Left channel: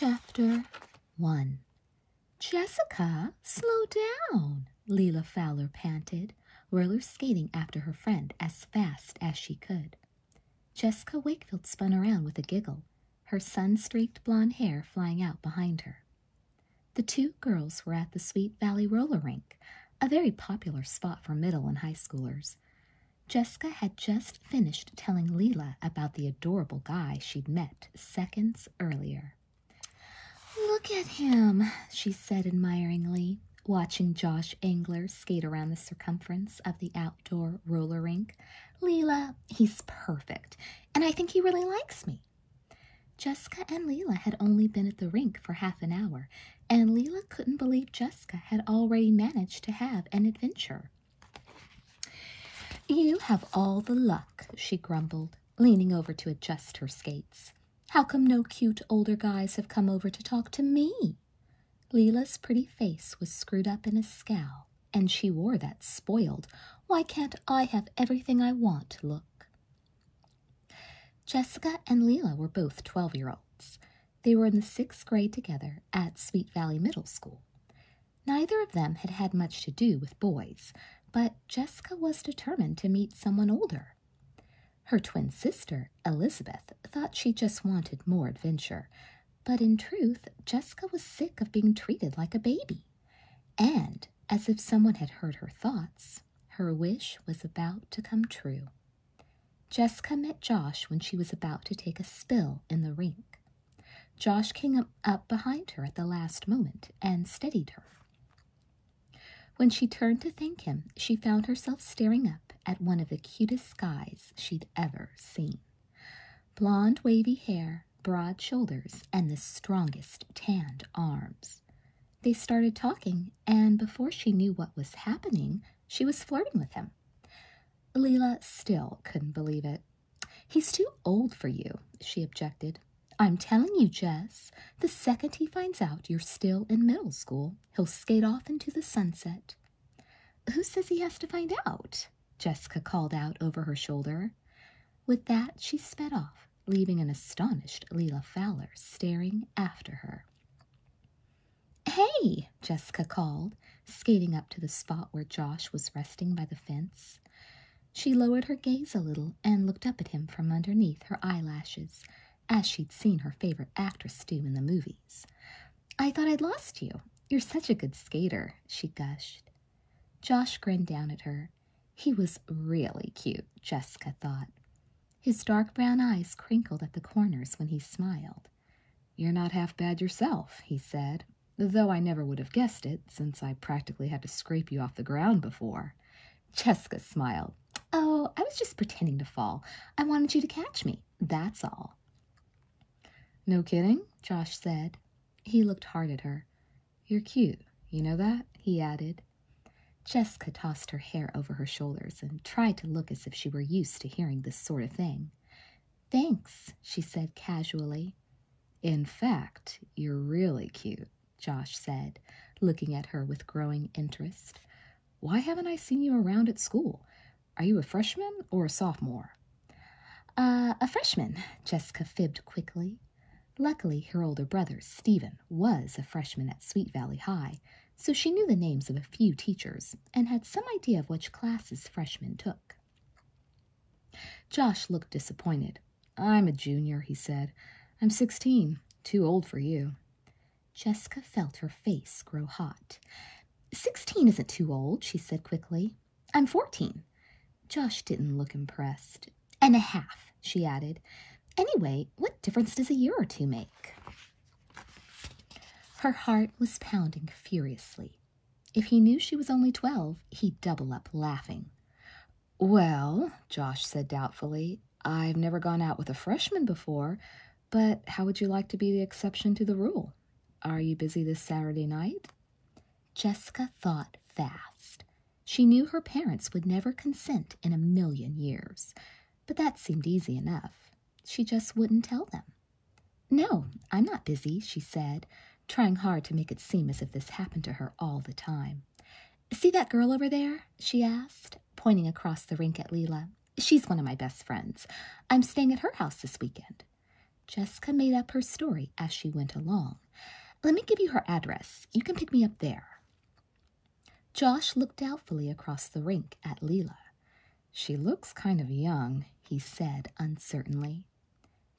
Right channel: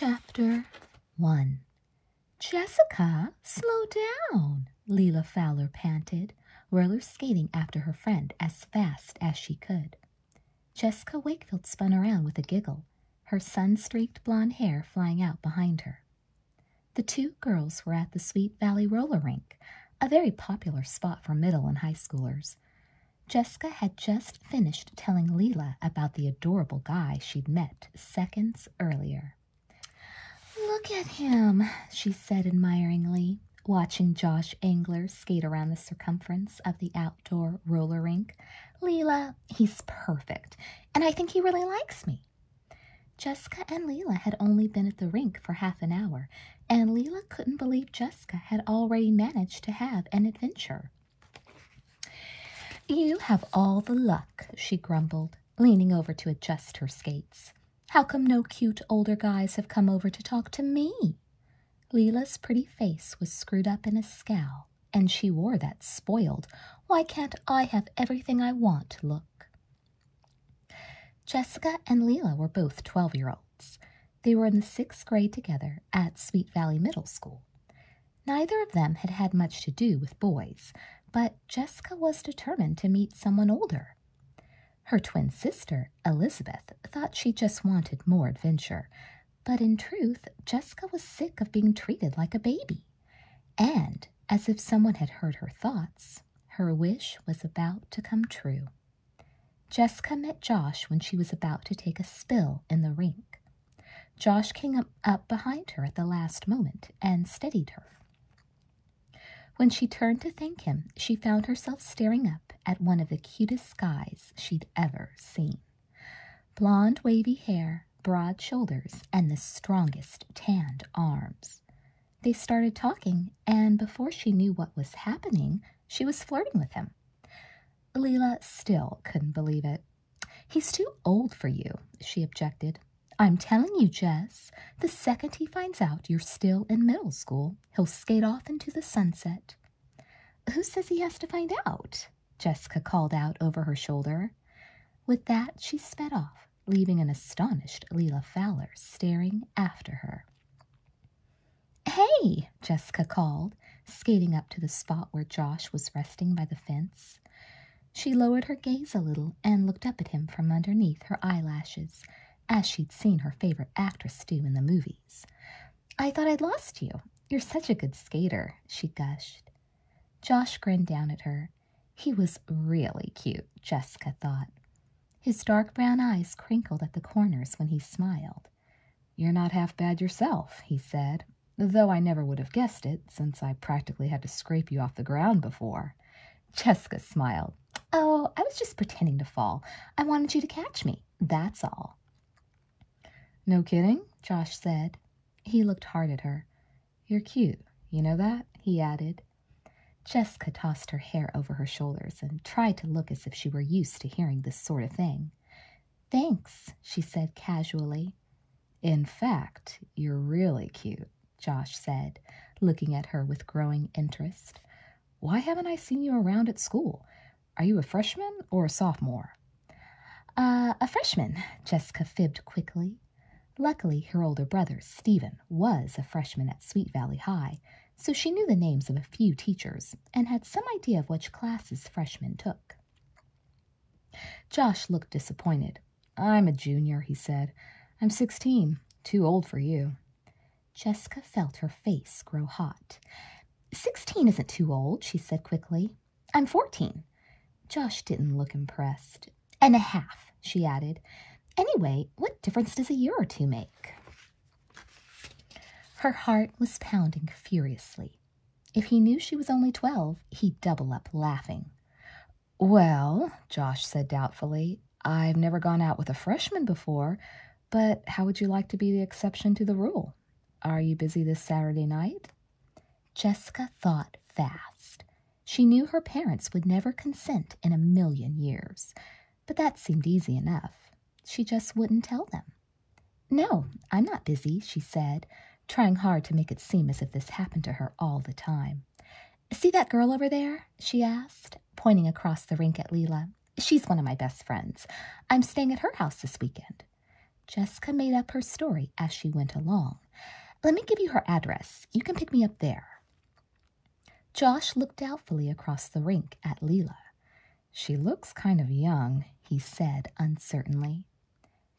Chapter 1. "Jessica, slow down," Leela Fowler panted, roller skating after her friend as fast as she could. Jessica Wakefield spun around with a giggle, her sun-streaked blonde hair flying out behind her. The two girls were at the Sweet Valley roller rink, a very popular spot for middle and high schoolers. Jessica had just finished telling Leela about the adorable guy she'd met seconds earlier. "Look at him," she said admiringly, watching Josh Angler skate around the circumference of the outdoor roller rink. "Leela, he's perfect, and I think he really likes me." Jessica and Leela had only been at the rink for half an hour, and Leela couldn't believe Jessica had already managed to have an adventure. "You have all the luck," she grumbled, leaning over to adjust her skates. "How come no cute older guys have come over to talk to me?" Leela's pretty face was screwed up in a scowl, and she wore that spoiled, "why can't I have everything I want" look. Jessica and Leela were both 12-year-olds. They were in the 6th grade together at Sweet Valley Middle School. Neither of them had had much to do with boys, but Jessica was determined to meet someone older. Her twin sister, Elizabeth, thought she just wanted more adventure, but in truth, Jessica was sick of being treated like a baby. And, as if someone had heard her thoughts, her wish was about to come true. Jessica met Josh when she was about to take a spill in the rink. Josh came up behind her at the last moment and steadied her. When she turned to thank him, she found herself staring up at one of the cutest guys she'd ever seen. Blonde, wavy hair, broad shoulders, and the strongest tanned arms. They started talking, and before she knew what was happening, she was flirting with him. Leela still couldn't believe it. "He's too old for you," she objected. "I'm telling you, Jess, the second he finds out you're still in middle school, he'll skate off into the sunset." "Who says he has to find out?" Jessica called out over her shoulder. With that, she sped off, leaving an astonished Leela Fowler staring after her. "Hey," Jessica called, skating up to the spot where Josh was resting by the fence. She lowered her gaze a little and looked up at him from underneath her eyelashes, as she'd seen her favorite actress do in the movies. "I thought I'd lost you. You're such a good skater," she gushed. Josh grinned down at her. He was really cute, Jessica thought. His dark brown eyes crinkled at the corners when he smiled. "You're not half bad yourself," he said, "though I never would have guessed it, since I practically had to scrape you off the ground before." Jessica smiled. "Oh, I was just pretending to fall. I wanted you to catch me, that's all." "No kidding?" Josh said. He looked hard at her. "You're cute, you know that?" he added. Jessica tossed her hair over her shoulders and tried to look as if she were used to hearing this sort of thing. "Thanks," she said casually. "In fact, you're really cute," Josh said, looking at her with growing interest. "Why haven't I seen you around at school? Are you a freshman or a sophomore?" A freshman," Jessica fibbed quickly. Luckily, her older brother, Stephen, was a freshman at Sweet Valley High, so she knew the names of a few teachers and had some idea of which classes freshmen took. Josh looked disappointed. "I'm a junior," he said. "I'm 16, too old for you." Jessica felt her face grow hot. 16 isn't too old," she said quickly. "I'm 14. Josh didn't look impressed. "And a half," she added. "Anyway, what difference does a year or two make?" Her heart was pounding furiously. If he knew she was only 12, he'd double up laughing. "Well," Josh said doubtfully, "I've never gone out with a freshman before, but how would you like to be the exception to the rule? Are you busy this Saturday night?" Jessica thought fast. She knew her parents would never consent in a million years, but that seemed easy enough. She just wouldn't tell them. "No, I'm not busy," she said, trying hard to make it seem as if this happened to her all the time. "See that girl over there?" she asked, pointing across the rink at Leela. "She's one of my best friends. I'm staying at her house this weekend." Jessica made up her story as she went along. Let me give you her address. You can pick me up there. Josh looked doubtfully across the rink at Leela. She looks kind of young, he said uncertainly.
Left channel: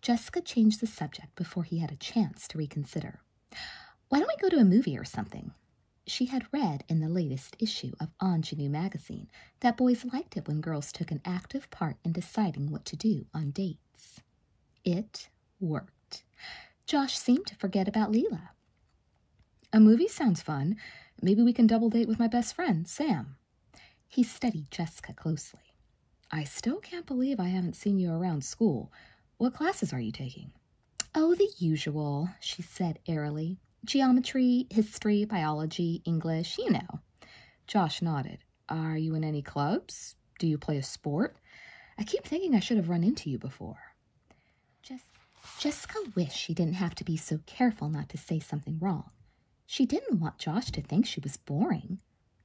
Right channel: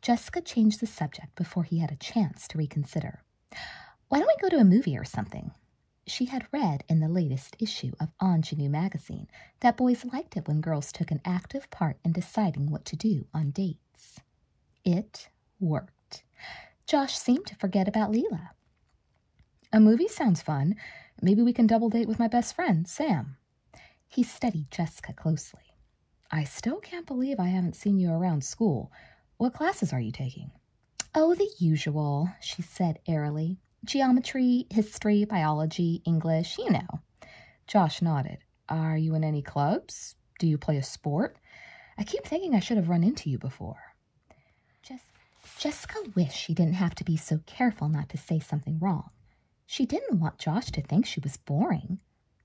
Jessica changed the subject before he had a chance to reconsider. Why don't we go to a movie or something? She had read in the latest issue of Ingenue magazine that boys liked it when girls took an active part in deciding what to do on dates. It worked. Josh seemed to forget about Leela. A movie sounds fun. Maybe we can double date with my best friend, Sam. He studied Jessica closely. I still can't believe I haven't seen you around school. What classes are you taking? Oh, the usual, she said airily. Geometry, history, biology, English, you know. Josh nodded. Are you in any clubs? Do you play a sport? I keep thinking I should have run into you before. Jessica wished she didn't have to be so careful not to say something wrong. She didn't want Josh to think she was boring.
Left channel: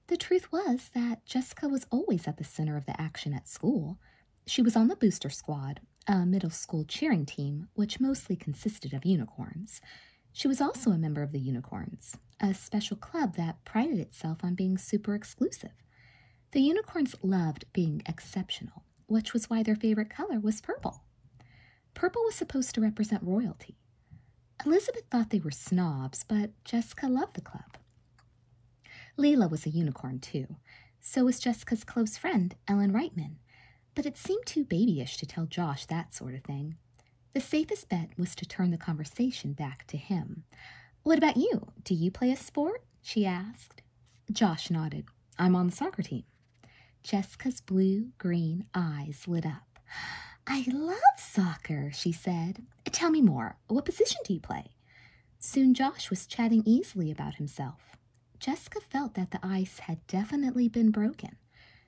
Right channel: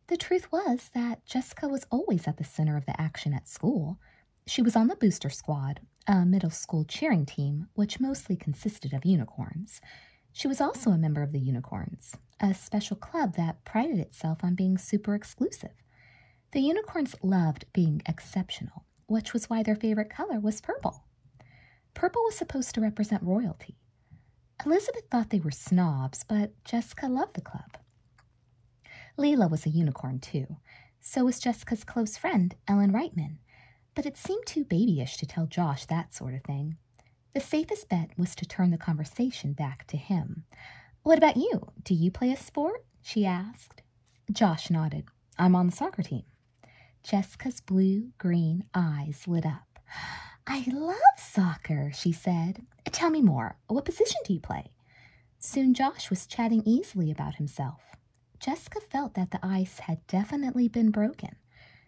The truth was that Jessica was always at the center of the action at school. She was on the booster squad, a middle school cheering team, which mostly consisted of unicorns. She was also a member of the Unicorns, a special club that prided itself on being super exclusive. The unicorns loved being exceptional, which was why their favorite color was purple. Purple was supposed to represent royalty. Elizabeth thought they were snobs, but Jessica loved the club. Leela was a unicorn, too. So was Jessica's close friend, Ellen Reitman. But it seemed too babyish to tell Josh that sort of thing. The safest bet was to turn the conversation back to him. What about you? Do you play a sport? She asked. Josh nodded. I'm on the soccer team. Jessica's blue-green eyes lit up. I love soccer, she said. Tell me more. What position do you play? Soon Josh was chatting easily about himself. Jessica felt that the ice had definitely been broken.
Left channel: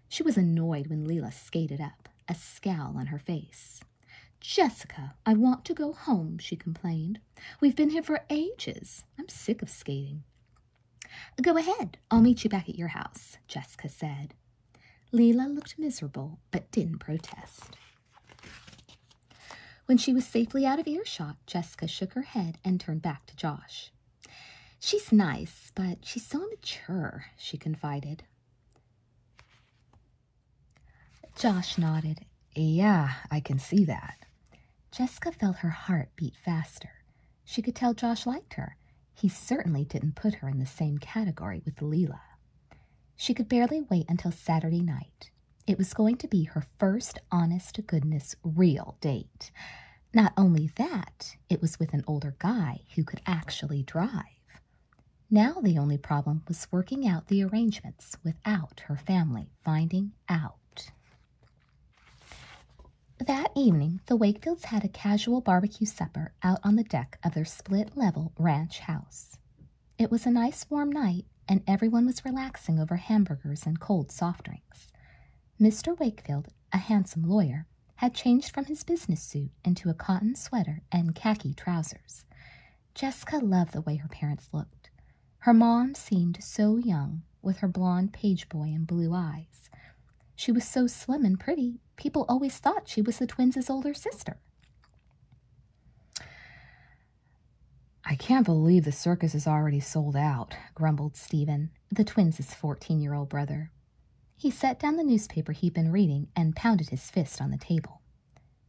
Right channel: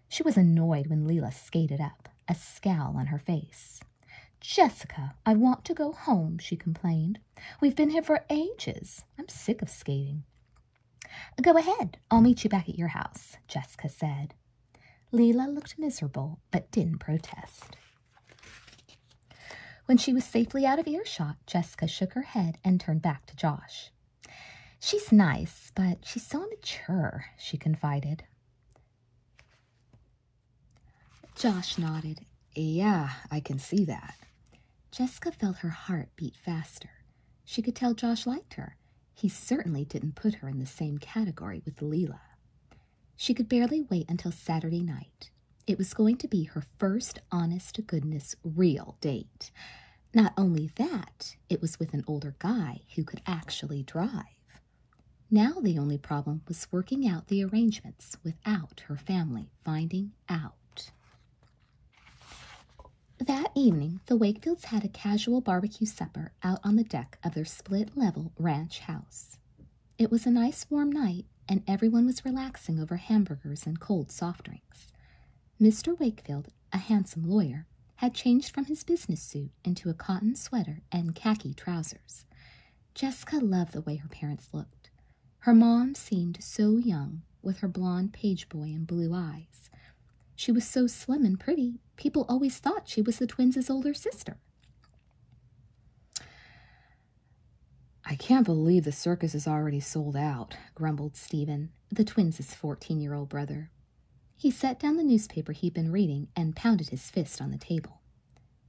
She was annoyed when Leela skated up, a scowl on her face. Jessica, I want to go home, she complained. We've been here for ages. I'm sick of skating. Go ahead. I'll meet you back at your house, Jessica said. Leela looked miserable, but didn't protest. When she was safely out of earshot, Jessica shook her head and turned back to Josh. She's nice, but she's so immature, she confided. Josh nodded. Yeah, I can see that. Jessica felt her heart beat faster. She could tell Josh liked her. He certainly didn't put her in the same category with Leela. She could barely wait until Saturday night. It was going to be her first honest-to-goodness real date. Not only that, it was with an older guy who could actually drive. Now the only problem was working out the arrangements without her family finding out. That evening, the Wakefields had a casual barbecue supper out on the deck of their split-level ranch house. It was a nice warm night, and everyone was relaxing over hamburgers and cold soft drinks. Mr. Wakefield, a handsome lawyer, had changed from his business suit into a cotton sweater and khaki trousers. Jessica loved the way her parents looked. Her mom seemed so young, with her blonde page boy and blue eyes. She was so slim and pretty, people always thought she was the twins' older sister. I can't believe the circus is already sold out, grumbled Stephen, the twins' 14-year-old brother. He set down the newspaper he'd been reading and pounded his fist on the table.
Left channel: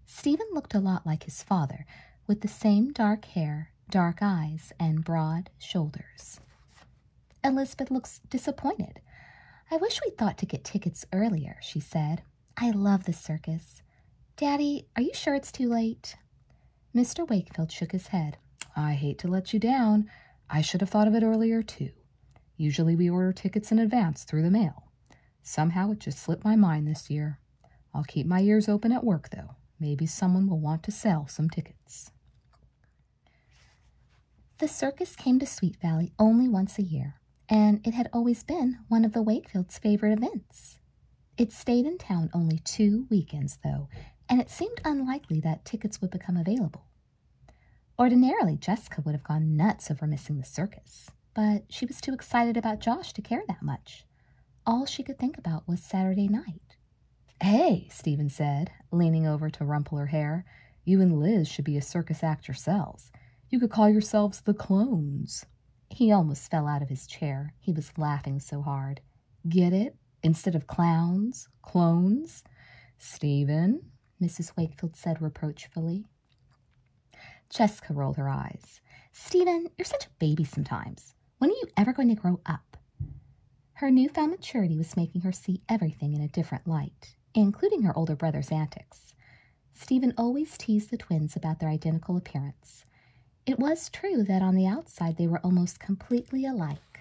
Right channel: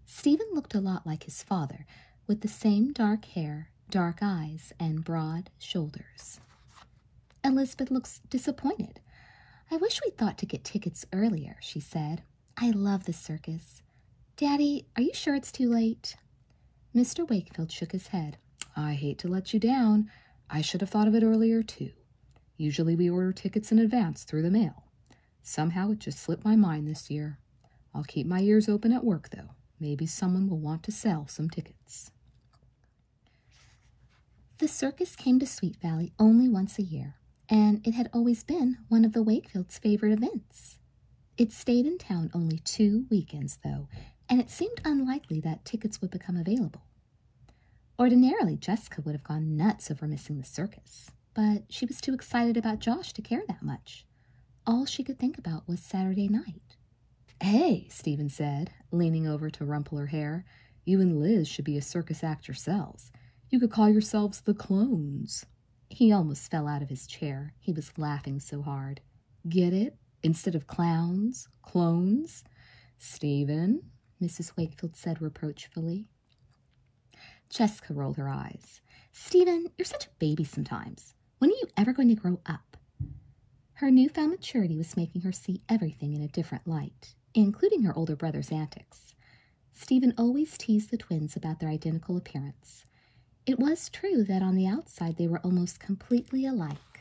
Stephen looked a lot like his father, with the same dark hair, dark eyes, and broad shoulders. Elizabeth looked disappointed. I wish we'd thought to get tickets earlier, she said. I love the circus. Daddy, are you sure it's too late? Mr. Wakefield shook his head. I hate to let you down. I should have thought of it earlier, too. Usually we order tickets in advance through the mail. Somehow it just slipped my mind this year. I'll keep my ears open at work, though. Maybe someone will want to sell some tickets. The circus came to Sweet Valley only once a year, and it had always been one of the Wakefields' favorite events. It stayed in town only 2 weekends, though, and it seemed unlikely that tickets would become available. Ordinarily, Jessica would have gone nuts over missing the circus, but she was too excited about Josh to care that much. All she could think about was Saturday night. Hey, Stephen said, leaning over to rumple her hair, You and Liz should be a circus act yourselves. You could call yourselves the Clones." He almost fell out of his chair. He was laughing so hard. "Get it? Instead of clowns, clones?" "Stephen," Mrs. Wakefield said reproachfully. Jessica rolled her eyes. "Stephen, you're such a baby sometimes. When are you ever going to grow up?" Her newfound maturity was making her see everything in a different light, including her older brother's antics. Stephen always teased the twins about their identical appearance. It was true that on the outside they were almost completely alike.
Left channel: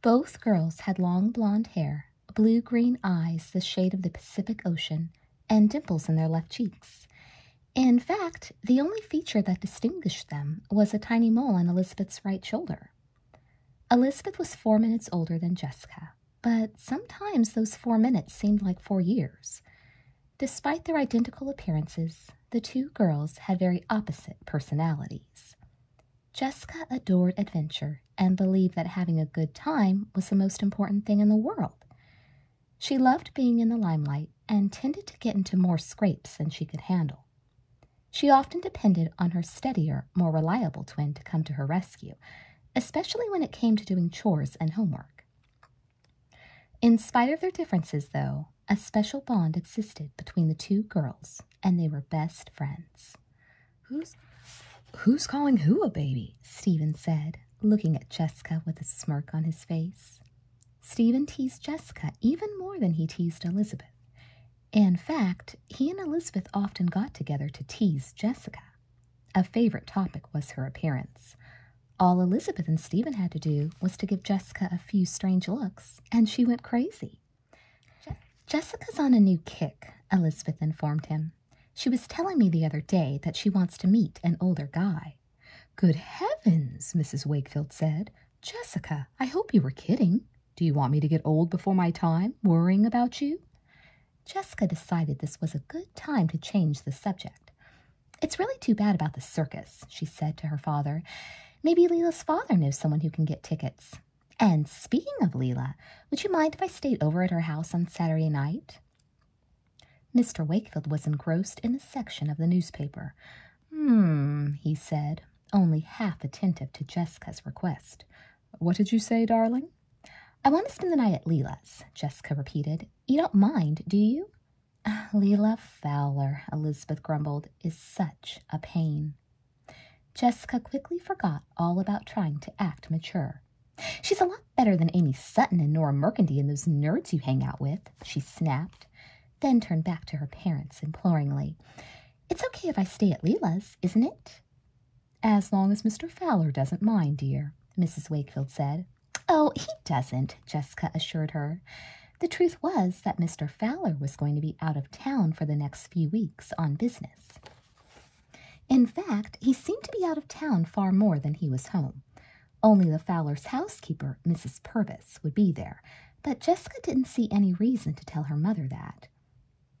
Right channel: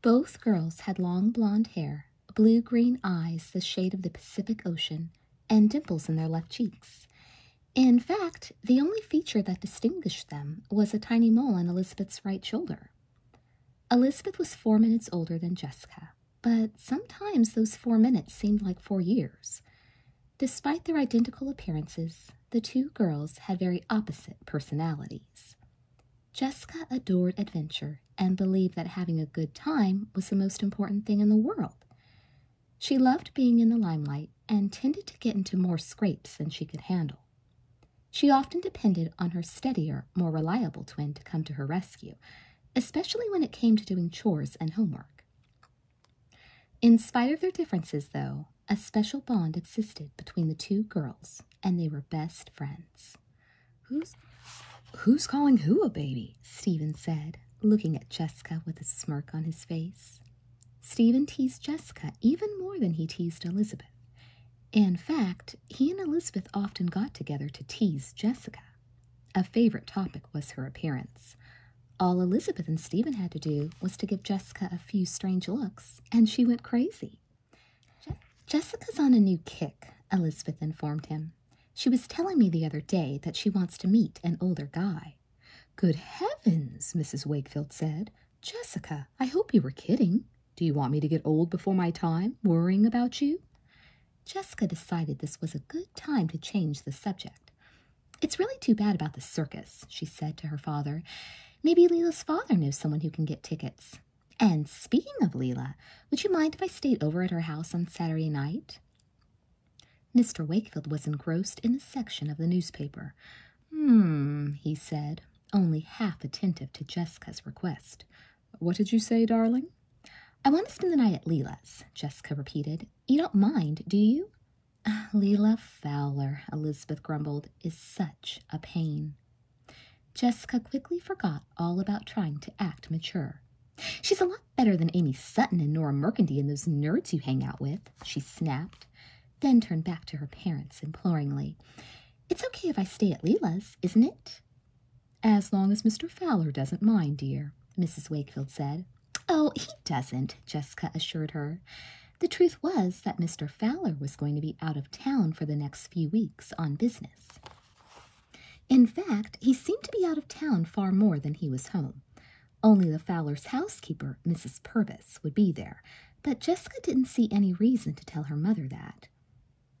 Both girls had long blonde hair, blue-green eyes the shade of the Pacific Ocean, and dimples in their left cheeks. In fact, the only feature that distinguished them was a tiny mole on Elizabeth's right shoulder. Elizabeth was 4 minutes older than Jessica, but sometimes those 4 minutes seemed like 4 years. Despite their identical appearances, the two girls had very opposite personalities. Jessica adored adventure and believed that having a good time was the most important thing in the world. She loved being in the limelight and tended to get into more scrapes than she could handle. She often depended on her steadier, more reliable twin to come to her rescue, especially when it came to doing chores and homework. In spite of their differences, though, a special bond existed between the two girls, and they were best friends. Who's calling who a baby?" Stephen said, looking at Jessica with a smirk on his face. Stephen teased Jessica even more than he teased Elizabeth. In fact, he and Elizabeth often got together to tease Jessica. A favorite topic was her appearance. All Elizabeth and Stephen had to do was to give Jessica a few strange looks, and she went crazy. "Jessica's on a new kick," Elizabeth informed him. "She was telling me the other day that she wants to meet an older guy." "Good heavens," Mrs. Wakefield said. "Jessica, I hope you were kidding. Do you want me to get old before my time, worrying about you?" Jessica decided this was a good time to change the subject. "It's really too bad about the circus," she said to her father. "Maybe Leela's father knows someone who can get tickets. And speaking of Leela, would you mind if I stayed over at her house on Saturday night?" Mr. Wakefield was engrossed in a section of the newspaper. He said, only half attentive to Jessica's request. "What did you say, darling?" "I want to spend the night at Leela's," Jessica repeated. "You don't mind, do you?" "Leela Fowler," Elizabeth grumbled, "is such a pain." Jessica quickly forgot all about trying to act mature. "She's a lot better than Amy Sutton and Nora Mercandy and those nerds you hang out with," she snapped, then turned back to her parents imploringly. "It's okay if I stay at Leela's, isn't it?" "As long as Mr. Fowler doesn't mind, dear," Mrs. Wakefield said. "Oh, he doesn't," Jessica assured her. The truth was that Mr. Fowler was going to be out of town for the next few weeks on business. In fact, he seemed to be out of town far more than he was home. Only the Fowlers' housekeeper, Mrs. Purvis, would be there, but Jessica didn't see any reason to tell her mother that.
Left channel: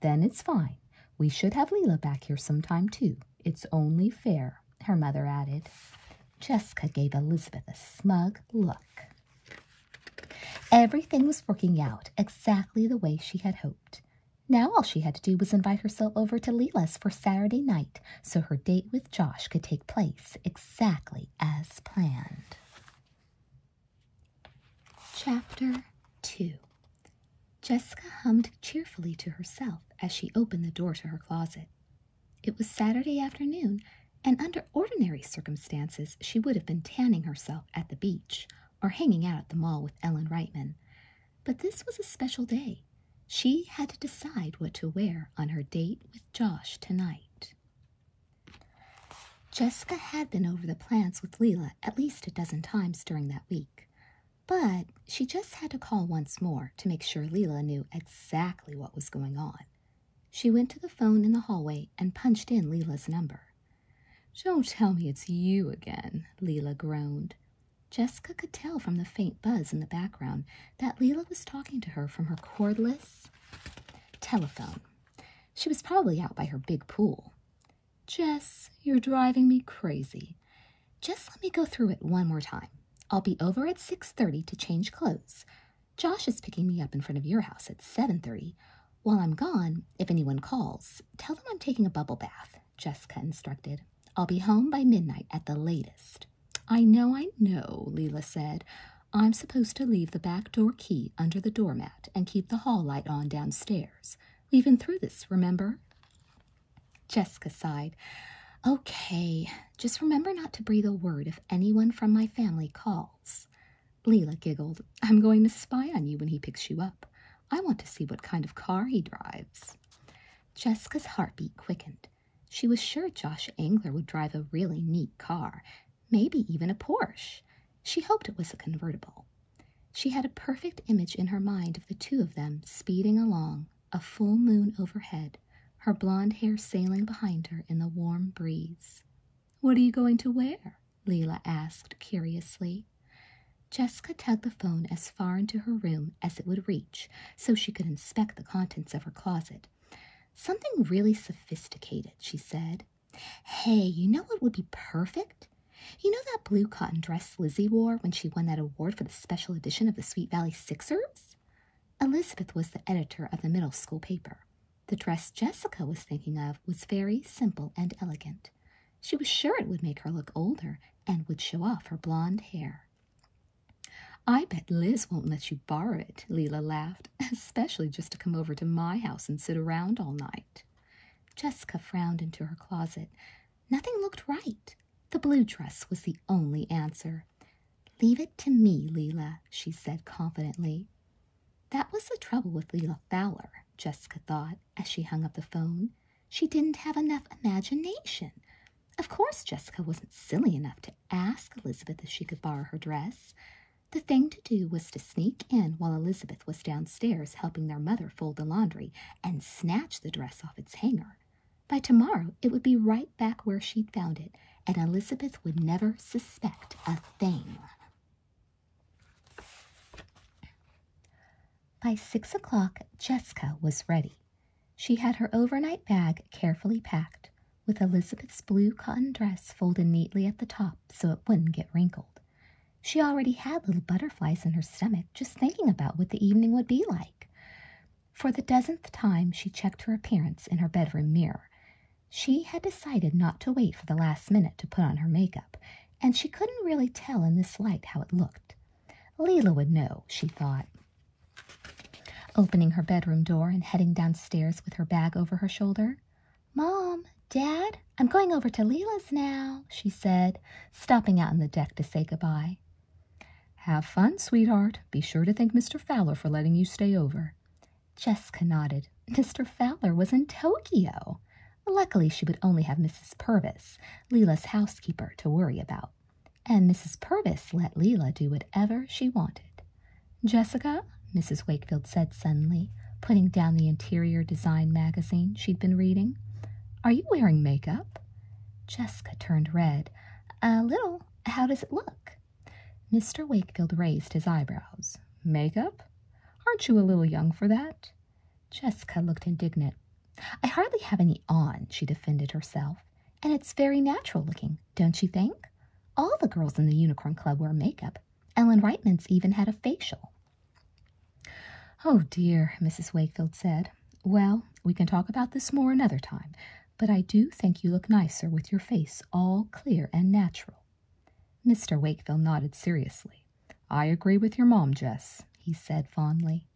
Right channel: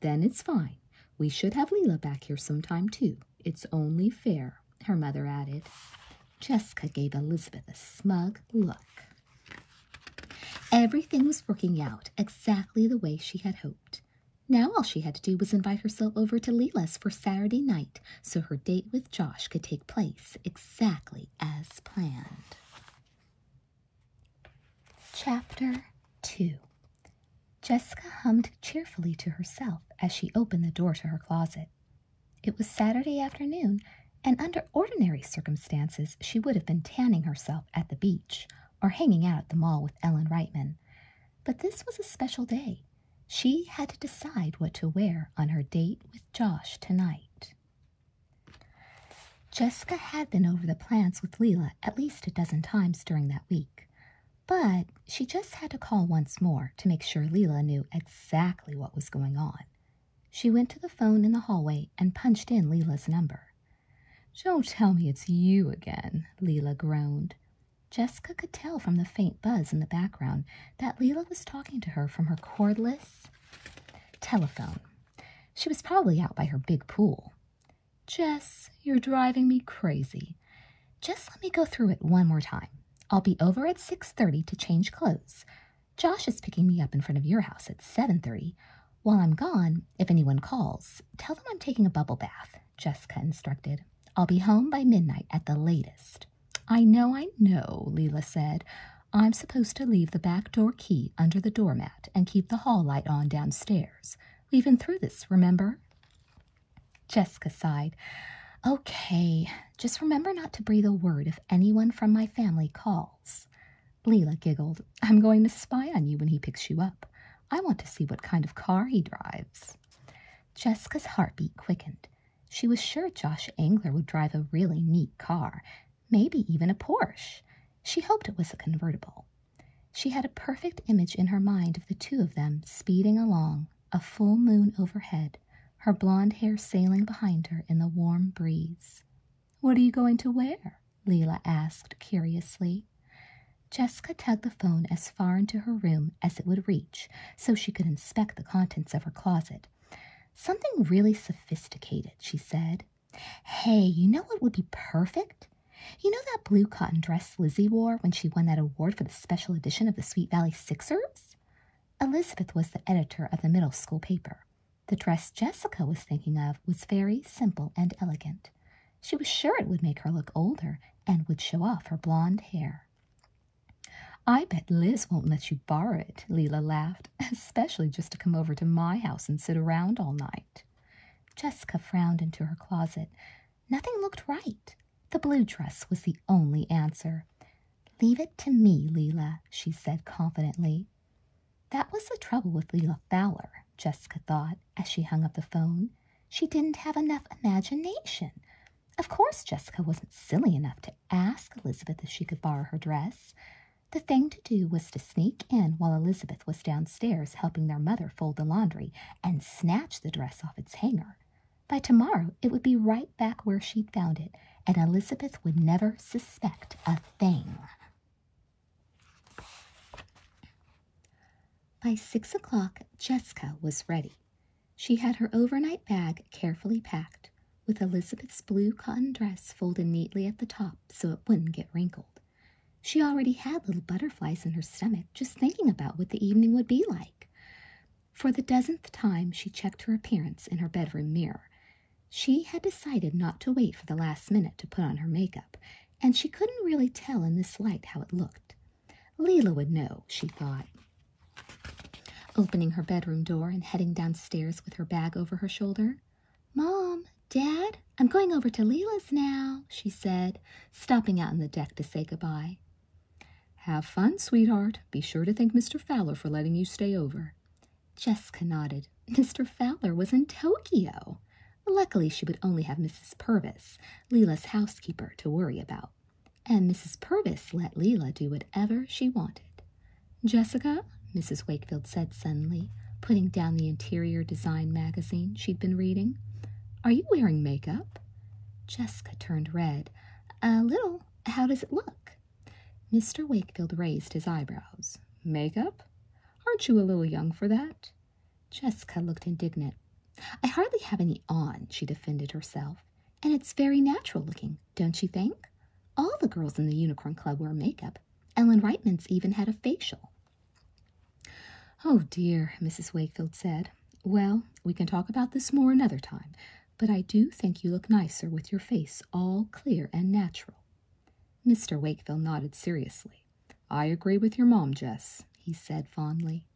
"Then it's fine. We should have Leela back here sometime, too. It's only fair," her mother added. Jessica gave Elizabeth a smug look. Everything was working out exactly the way she had hoped. Now all she had to do was invite herself over to Leela's for Saturday night so her date with Josh could take place exactly as planned. Chapter 2. Jessica hummed cheerfully to herself as she opened the door to her closet. It was Saturday afternoon, and under ordinary circumstances she would have been tanning herself at the beach or hanging out at the mall with Ellen Reitman. But this was a special day. She had to decide what to wear on her date with Josh tonight. Jessica had been over the plans with Leela at least a dozen times during that week, but she just had to call once more to make sure Leela knew exactly what was going on. She went to the phone in the hallway and punched in Leela's number. "Don't tell me it's you again," Leela groaned. Jessica could tell from the faint buzz in the background that Leela was talking to her from her cordless telephone. She was probably out by her big pool. "Jess, you're driving me crazy." "Just let me go through it one more time. I'll be over at 6:30 to change clothes. Josh is picking me up in front of your house at 7:30. While I'm gone, if anyone calls, tell them I'm taking a bubble bath, Jessica instructed. I'll be home by midnight at the latest. I know, Leela said. I'm supposed to leave the back door key under the doormat and keep the hall light on downstairs. We've been through this, remember? Jessica sighed. Okay, just remember not to breathe a word if anyone from my family calls. Leela giggled. I'm going to spy on you when he picks you up. I want to see what kind of car he drives. Jessica's heartbeat quickened. She was sure Josh Angler would drive a really neat car, maybe even a Porsche. She hoped it was a convertible. She had a perfect image in her mind of the two of them speeding along, a full moon overhead, her blonde hair sailing behind her in the warm breeze. What are you going to wear? Leela asked curiously. Jessica tugged the phone as far into her room as it would reach so she could inspect the contents of her closet. Something really sophisticated, she said. Hey, you know what would be perfect? You know that blue cotton dress Lizzie wore when she won that award for the special edition of the Sweet Valley Sixers? Elizabeth was the editor of the middle school paper. The dress Jessica was thinking of was very simple and elegant. She was sure it would make her look older and would show off her blonde hair. I bet Liz won't let you borrow it, Leela laughed, especially just to come over to my house and sit around all night. Jessica frowned into her closet. Nothing looked right. The blue dress was the only answer. Leave it to me, Leela, she said confidently. That was the trouble with Leela Fowler, Jessica thought, as she hung up the phone. She didn't have enough imagination. Of course Jessica wasn't silly enough to ask Elizabeth if she could borrow her dress. The thing to do was to sneak in while Elizabeth was downstairs helping their mother fold the laundry and snatch the dress off its hanger. By tomorrow, it would be right back where she'd found it, and Elizabeth would never suspect a thing. By 6 o'clock, Jessica was ready. She had her overnight bag carefully packed, with Elizabeth's blue cotton dress folded neatly at the top so it wouldn't get wrinkled. She already had little butterflies in her stomach just thinking about what the evening would be like. For the dozenth time, she checked her appearance in her bedroom mirror. She had decided not to wait for the last minute to put on her makeup, and she couldn't really tell in this light how it looked. Leela would know, she thought. Opening her bedroom door and heading downstairs with her bag over her shoulder. Mom, Dad, I'm going over to Leela's now, she said, stopping out on the deck to say goodbye. Have fun, sweetheart. Be sure to thank Mr. Fowler for letting you stay over. Jessica nodded. Mr. Fowler was in Tokyo. Luckily, she would only have Mrs. Purvis, Leela's housekeeper, to worry about. And Mrs. Purvis let Leela do whatever she wanted. Jessica, Mrs. Wakefield said suddenly, putting down the interior design magazine she'd been reading. Are you wearing makeup? Jessica turned red. A little. How does it look? Mr. Wakefield raised his eyebrows. Makeup? Aren't you a little young for that? Jessica looked indignant. I hardly have any on, she defended herself. And it's very natural looking, don't you think? All the girls in the Unicorn Club wear makeup. Ellen Reitman's even had a facial. Oh dear, Mrs. Wakefield said. Well, we can talk about this more another time, but I do think you look nicer with your face all clear and natural. Mr. Wakefield nodded seriously. I agree with your mom, Jess, he said fondly.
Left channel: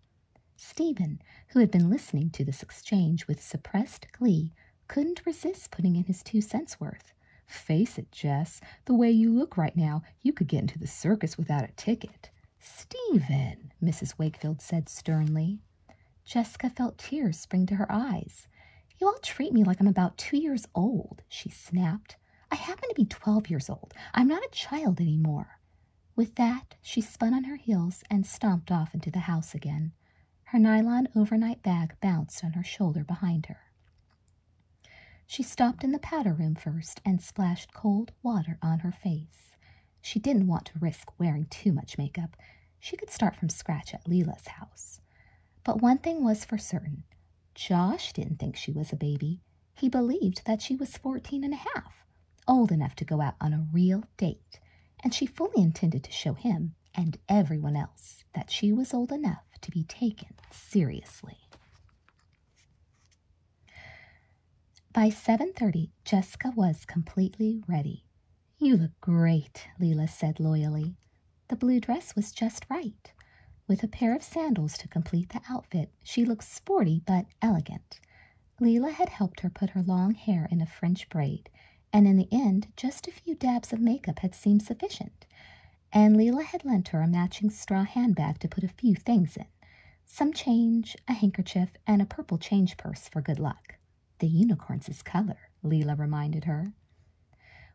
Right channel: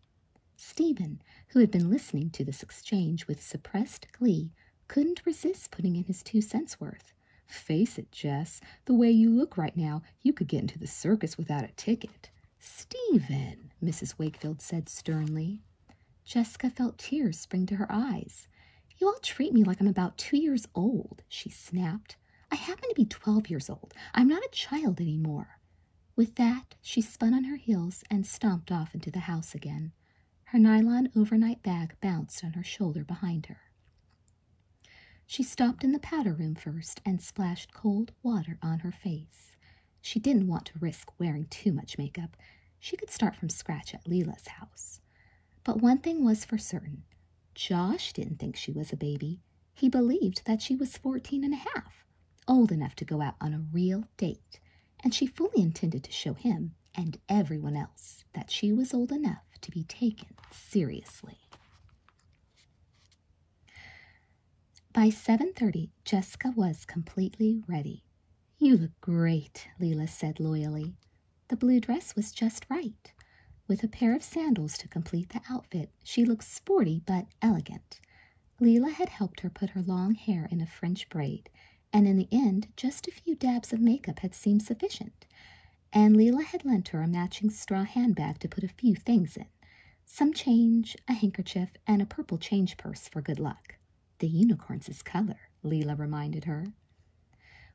Stephen, who had been listening to this exchange with suppressed glee, couldn't resist putting in his 2 cents worth. Face it, Jess, the way you look right now, you could get into the circus without a ticket. Stephen, Mrs. Wakefield said sternly. Jessica felt tears spring to her eyes. You all treat me like I'm about 2 years old, she snapped. I happen to be 12 years old. I'm not a child anymore. With that, she spun on her heels and stomped off into the house again. Her nylon overnight bag bounced on her shoulder behind her. She stopped in the powder room first and splashed cold water on her face. She didn't want to risk wearing too much makeup. She could start from scratch at Leela's house. But one thing was for certain. Josh didn't think she was a baby. He believed that she was 14 and a half, old enough to go out on a real date, and she fully intended to show him and everyone else that she was old enough to be taken seriously. By 7:30, Jessica was completely ready. "You look great," Leela said loyally. The blue dress was just right. With a pair of sandals to complete the outfit, she looked sporty but elegant. Leela had helped her put her long hair in a French braid, and in the end, just a few dabs of makeup had seemed sufficient. And Leela had lent her a matching straw handbag to put a few things in. Some change, a handkerchief, and a purple change purse for good luck. "The unicorn's color," Leela reminded her.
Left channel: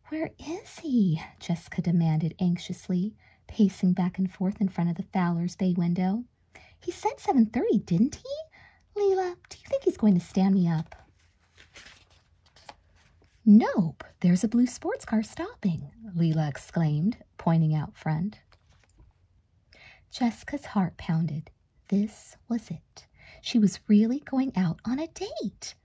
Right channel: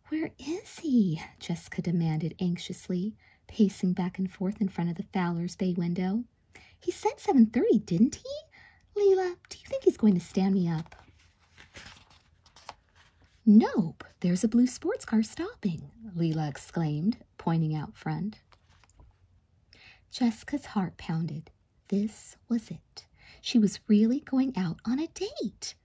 "Where is he?" Jessica demanded anxiously, pacing back and forth in front of the Fowler's bay window. "He said 7:30, didn't he? Leela, do you think he's going to stand me up?" "Nope, there's a blue sports car stopping," Leela exclaimed, pointing out front. Jessica's heart pounded. This was it. She was really going out on a date.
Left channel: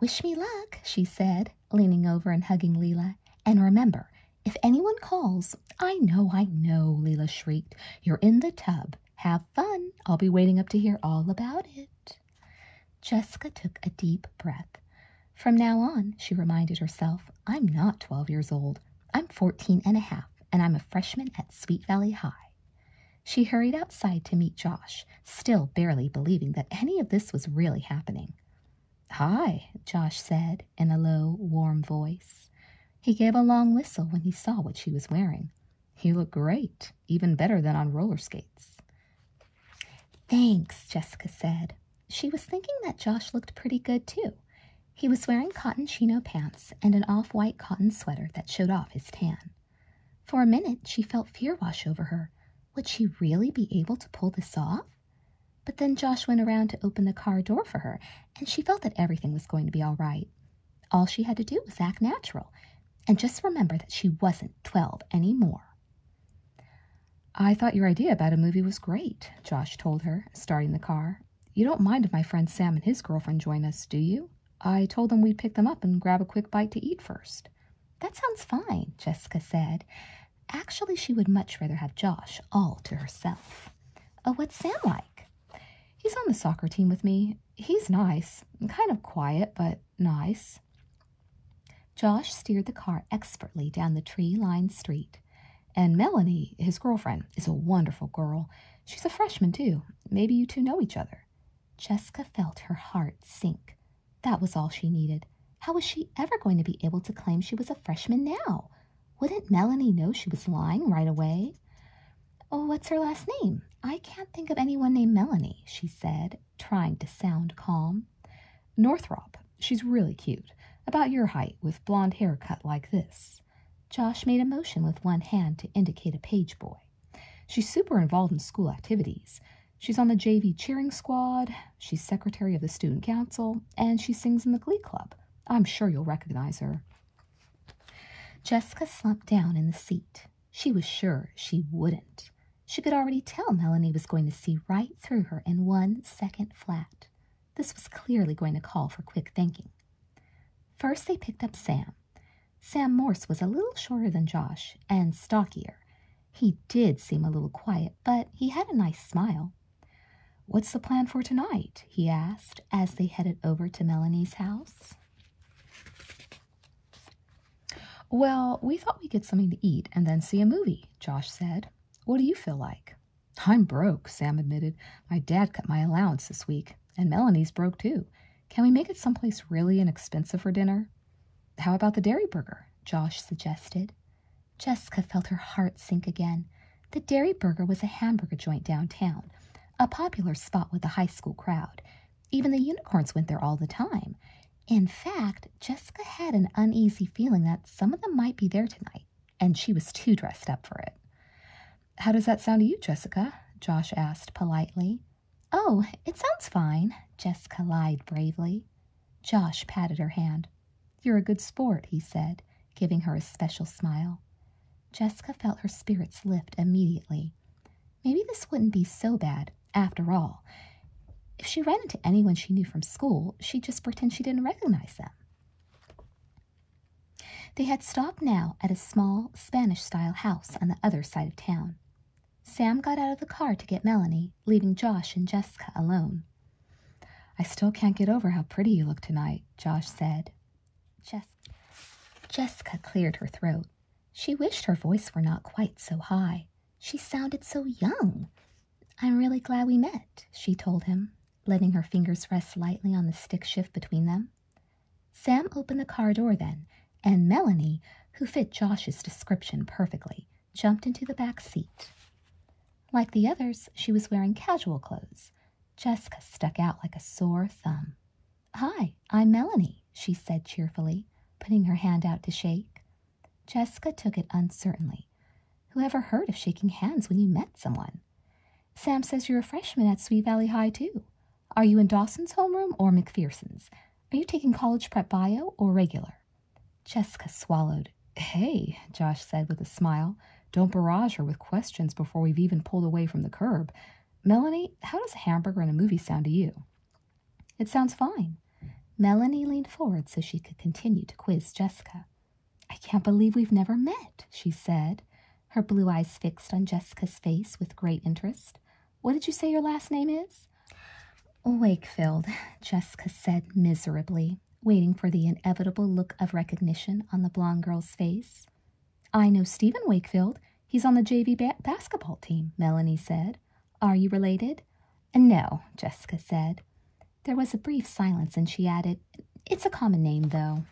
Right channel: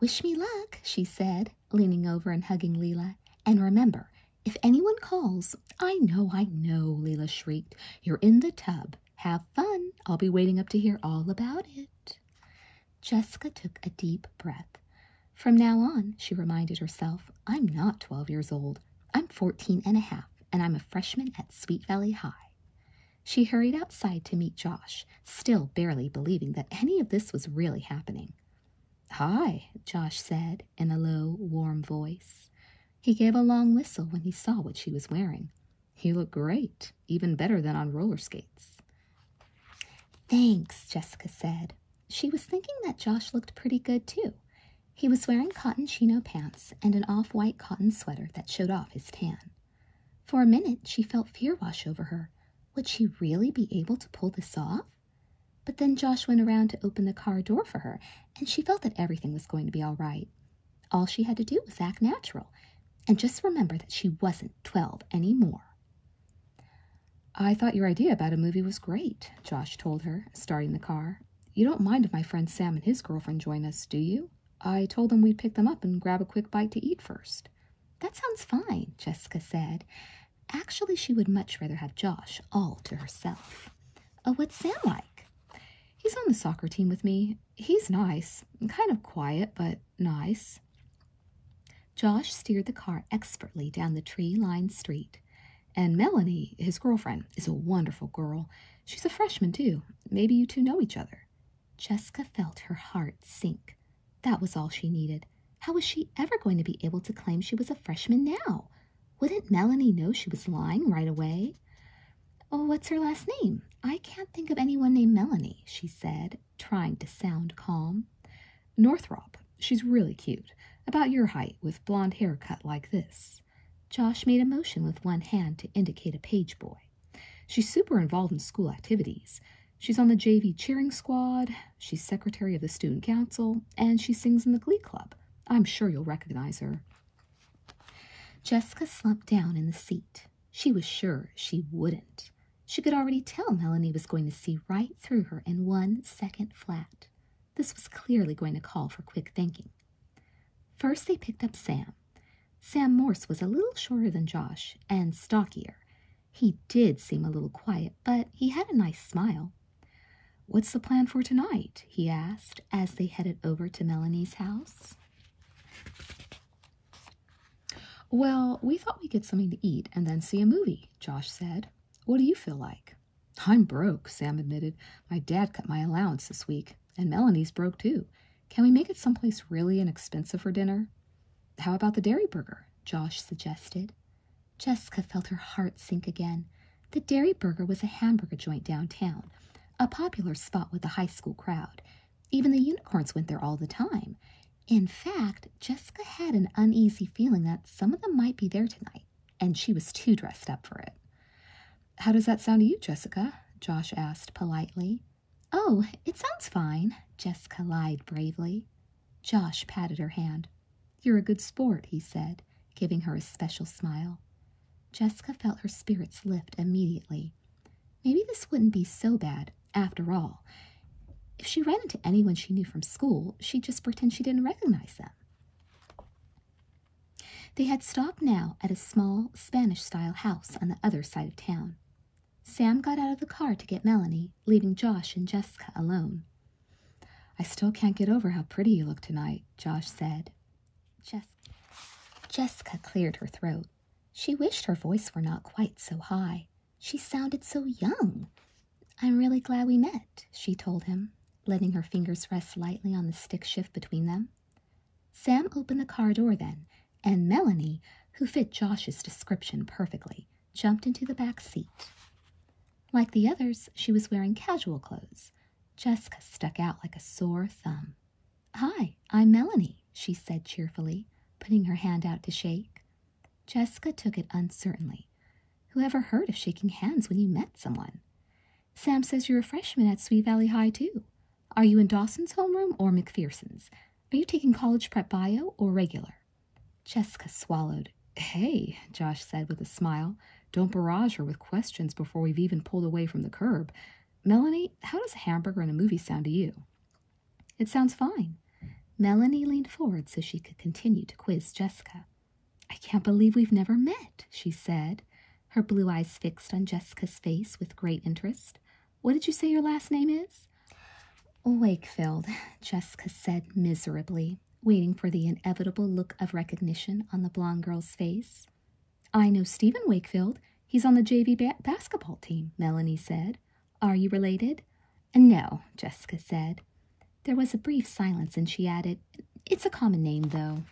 "Wish me luck," she said, leaning over and hugging Leela. "And remember, if anyone calls—" I know, Leela shrieked. "You're in the tub. Have fun. I'll be waiting up to hear all about it." Jessica took a deep breath. From now on, she reminded herself, I'm not 12 years old. I'm 14 and a half, and I'm a freshman at Sweet Valley High. She hurried outside to meet Josh, still barely believing that any of this was really happening. "Hi," Josh said in a low, warm voice. He gave a long whistle when he saw what she was wearing. "You look great, even better than on roller skates." "Thanks," Jessica said. She was thinking that Josh looked pretty good, too. He was wearing cotton chino pants and an off-white cotton sweater that showed off his tan. For a minute, she felt fear wash over her. Would she really be able to pull this off? But then Josh went around to open the car door for her, and she felt that everything was going to be all right. All she had to do was act natural, and just remember that she wasn't 12 anymore. "I thought your idea about a movie was great," Josh told her, starting the car. "You don't mind if my friend Sam and his girlfriend join us, do you? I told them we'd pick them up and grab a quick bite to eat first." "That sounds fine," Jessica said. Actually, she would much rather have Josh all to herself. "Oh, what's Sam like?" "He's on the soccer team with me. He's nice, kind of quiet, but nice." Josh steered the car expertly down the tree-lined street. "And Melanie, his girlfriend, is a wonderful girl. She's a freshman, too. Maybe you two know each other." Jessica felt her heart sink. That was all she needed. How was she ever going to be able to claim she was a freshman now? Wouldn't Melanie know she was lying right away? "Oh, what's her last name? I can't think of anyone named Melanie," she said, trying to sound calm. "Northrop. She's really cute. About your height, with blonde hair cut like this." Josh made a motion with one hand to indicate a page boy. "She's super involved in school activities. She's on the JV cheering squad, she's secretary of the student council, and she sings in the glee club. I'm sure you'll recognize her." Jessica slumped down in the seat. She was sure she wouldn't. She could already tell Melanie was going to see right through her in 1 second flat. This was clearly going to call for quick thinking. First, they picked up Sam. Sam Morse was a little shorter than Josh and stockier. He did seem a little quiet, but he had a nice smile. "What's the plan for tonight?" he asked as they headed over to Melanie's house. "Well, we thought we'd get something to eat and then see a movie," Josh said. "What do you feel like?" "I'm broke," Sam admitted. "My dad cut my allowance this week, and Melanie's broke too. Can we make it someplace really inexpensive for dinner?" "How about the Dairy Burger?" Josh suggested. Jessica felt her heart sink again. The Dairy Burger was a hamburger joint downtown, a popular spot with the high school crowd. Even the unicorns went there all the time. In fact, Jessica had an uneasy feeling that some of them might be there tonight, and she was too dressed up for it. "How does that sound to you, Jessica?" Josh asked politely. "Oh, it sounds fine," Jessica lied bravely. Josh patted her hand. "You're a good sport," he said, giving her a special smile. Jessica felt her spirits lift immediately. Maybe this wouldn't be so bad, after all. If she ran into anyone she knew from school, she'd just pretend she didn't recognize them. They had stopped now at a small Spanish-style house on the other side of town. Sam got out of the car to get Melanie, leaving Josh and Jessica alone. "I still can't get over how pretty you look tonight," Josh said. Jessica cleared her throat. She wished her voice were not quite so high. She sounded so young. I'm really glad we met, she told him, letting her fingers rest lightly on the stick shift between them. Sam opened the car door then, and Melanie, who fit Josh's description perfectly, jumped into the back seat. Like the others, she was wearing casual clothes. Jessica stuck out like a sore thumb. Hi, I'm Melanie, she said cheerfully, putting her hand out to shake. Jessica took it uncertainly. Who ever heard of shaking hands when you met someone? Sam says you're a freshman at Sweet Valley High, too. Are you in Dawson's homeroom or McPherson's? Are you taking college prep bio or regular? Jessica swallowed. Hey, Josh said with a smile. Don't barrage her with questions before we've even pulled away from the curb. Melanie, how does a hamburger in a movie sound to you? It sounds fine. Melanie leaned forward so she could continue to quiz Jessica. I can't believe we've never met, she said, her blue eyes fixed on Jessica's face with great interest. What did you say your last name is? Wakefield, Jessica said miserably, waiting for the inevitable look of recognition on the blonde girl's face. I know Stephen Wakefield. He's on the JV basketball team, Melanie said. Are you related? No, Jessica said. There was a brief silence, and she added, It's a common name, though.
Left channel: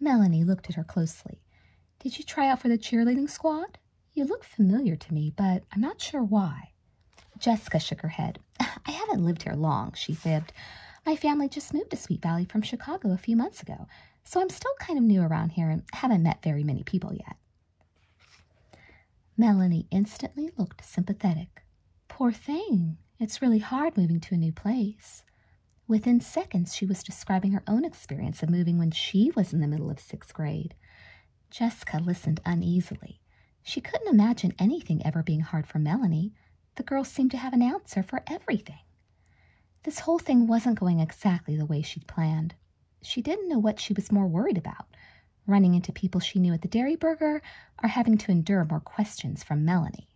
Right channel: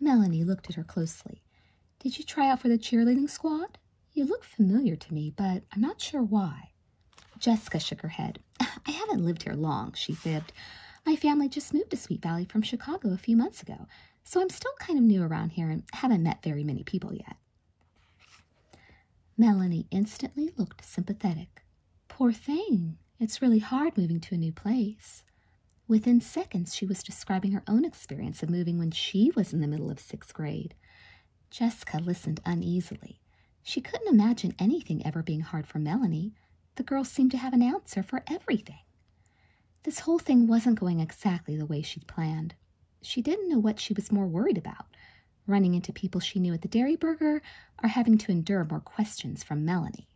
Melanie looked at her closely. Did you try out for the cheerleading squad? You look familiar to me, but I'm not sure why. Jessica shook her head. I haven't lived here long, she fibbed. My family just moved to Sweet Valley from Chicago a few months ago, so I'm still kind of new around here and haven't met very many people yet. Melanie instantly looked sympathetic. Poor thing. It's really hard moving to a new place. Within seconds, she was describing her own experience of moving when she was in the middle of 6th grade. Jessica listened uneasily. She couldn't imagine anything ever being hard for Melanie. The girl seemed to have an answer for everything. This whole thing wasn't going exactly the way she'd planned. She didn't know what she was more worried about, running into people she knew at the Dairy Burger or having to endure more questions from Melanie.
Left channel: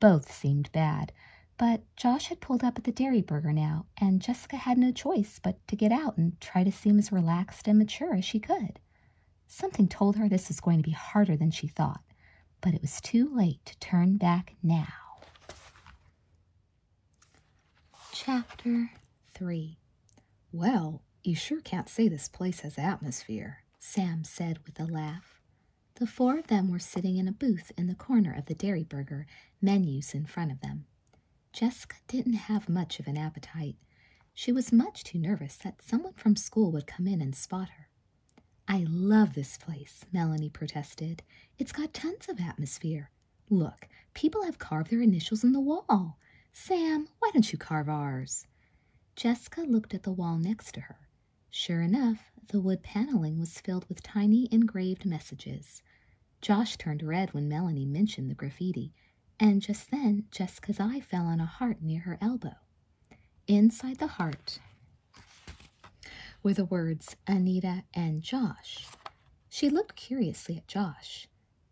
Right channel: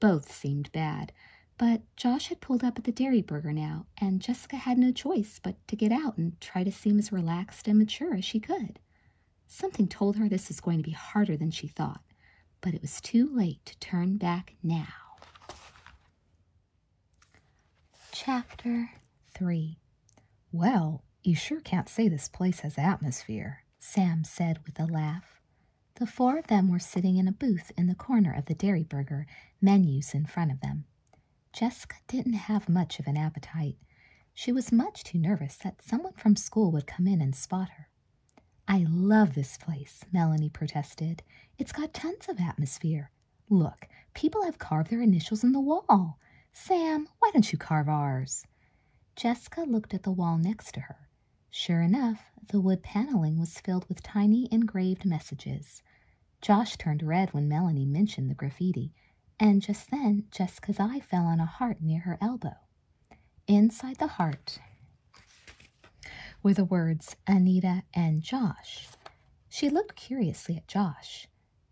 Both seemed bad, but Josh had pulled up at the Dairy Burger now, and Jessica had no choice but to get out and try to seem as relaxed and mature as she could. Something told her this was going to be harder than she thought, but it was too late to turn back now. Chapter 3. Well, you sure can't say this place has atmosphere, Sam said with a laugh. The four of them were sitting in a booth in the corner of the Dairy Burger, menus in front of them. Jessica didn't have much of an appetite. She was much too nervous that someone from school would come in and spot her. I love this place, Melanie protested. It's got tons of atmosphere. Look, people have carved their initials in the wall. Sam, why don't you carve ours? Jessica looked at the wall next to her. Sure enough, the wood paneling was filled with tiny engraved messages. Josh turned red when Melanie mentioned the graffiti, and just then Jessica's eye fell on a heart near her elbow. Inside the heart were the words Anita and Josh. She looked curiously at Josh.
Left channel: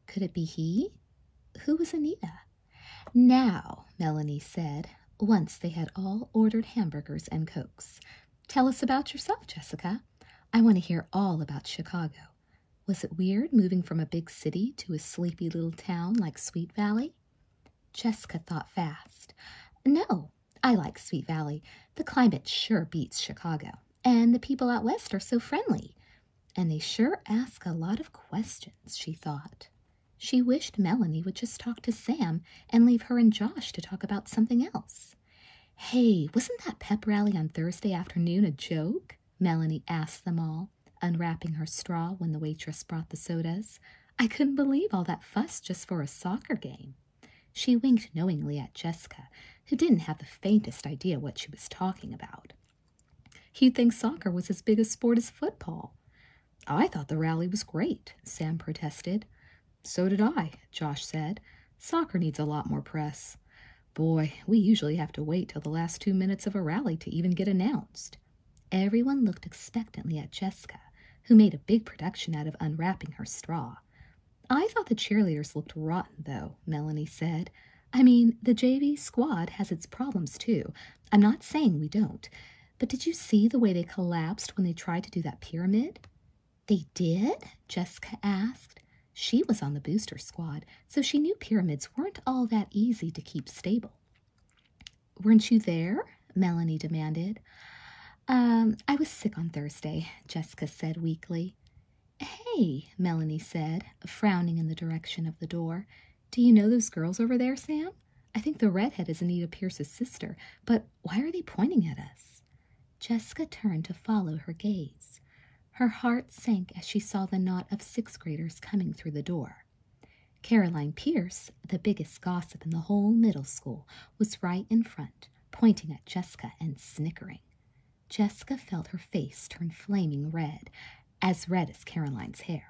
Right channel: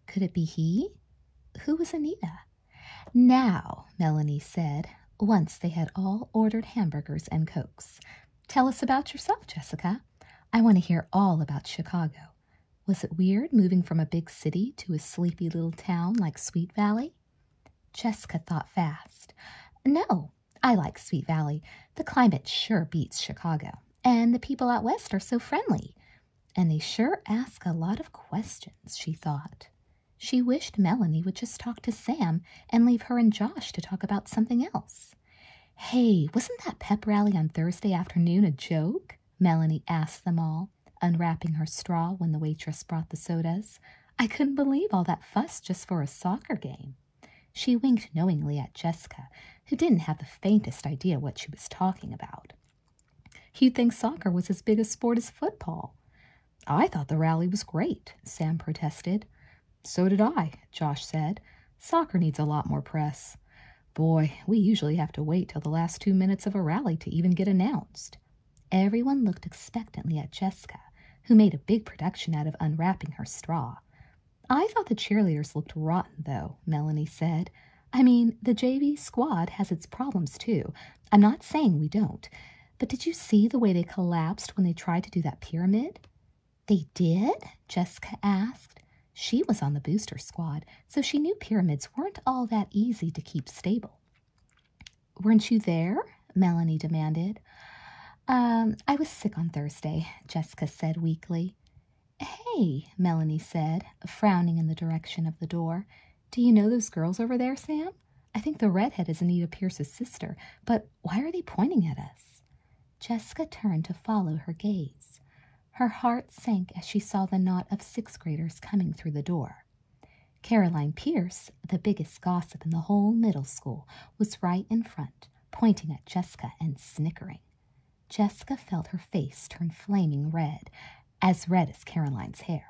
Could it be he? Who was Anita? Now, Melanie said, once they had all ordered hamburgers and Cokes. Tell us about yourself, Jessica. I want to hear all about Chicago. Was it weird moving from a big city to a sleepy little town like Sweet Valley? Jessica thought fast. No, I like Sweet Valley. The climate sure beats Chicago. And the people out west are so friendly. And they sure ask a lot of questions, she thought. She wished Melanie would just talk to Sam and leave her and Josh to talk about something else. Hey, wasn't that pep rally on Thursday afternoon a joke? Melanie asked them all, unwrapping her straw when the waitress brought the sodas. I couldn't believe all that fuss just for a soccer game. She winked knowingly at Jessica, who didn't have the faintest idea what she was talking about. You'd think soccer was as big a sport as football. I thought the rally was great, Sam protested. So did I, Josh said. Soccer needs a lot more press. Boy, we usually have to wait till the last 2 minutes of a rally to even get announced. Everyone looked expectantly at Jessica, who made a big production out of unwrapping her straw. I thought the cheerleaders looked rotten, though, Melanie said. I mean, the JV squad has its problems, too. I'm not saying we don't. But did you see the way they collapsed when they tried to do that pyramid? They did? Jessica asked. She was on the booster squad, so she knew pyramids weren't all that easy to keep stable. Weren't you there? Melanie demanded. I was sick on Thursday, Jessica said weakly. Hey, Melanie said, frowning in the direction of the door. Do you know those girls over there, Sam? I think the redhead is Anita Pierce's sister, but why are they pointing at us? Jessica turned to follow her gaze. Her heart sank as she saw the knot of sixth-graders coming through the door. Caroline Pierce, the biggest gossip in the whole middle school, was right in front, pointing at Jessica and snickering. Jessica felt her face turn flaming red as Caroline's hair.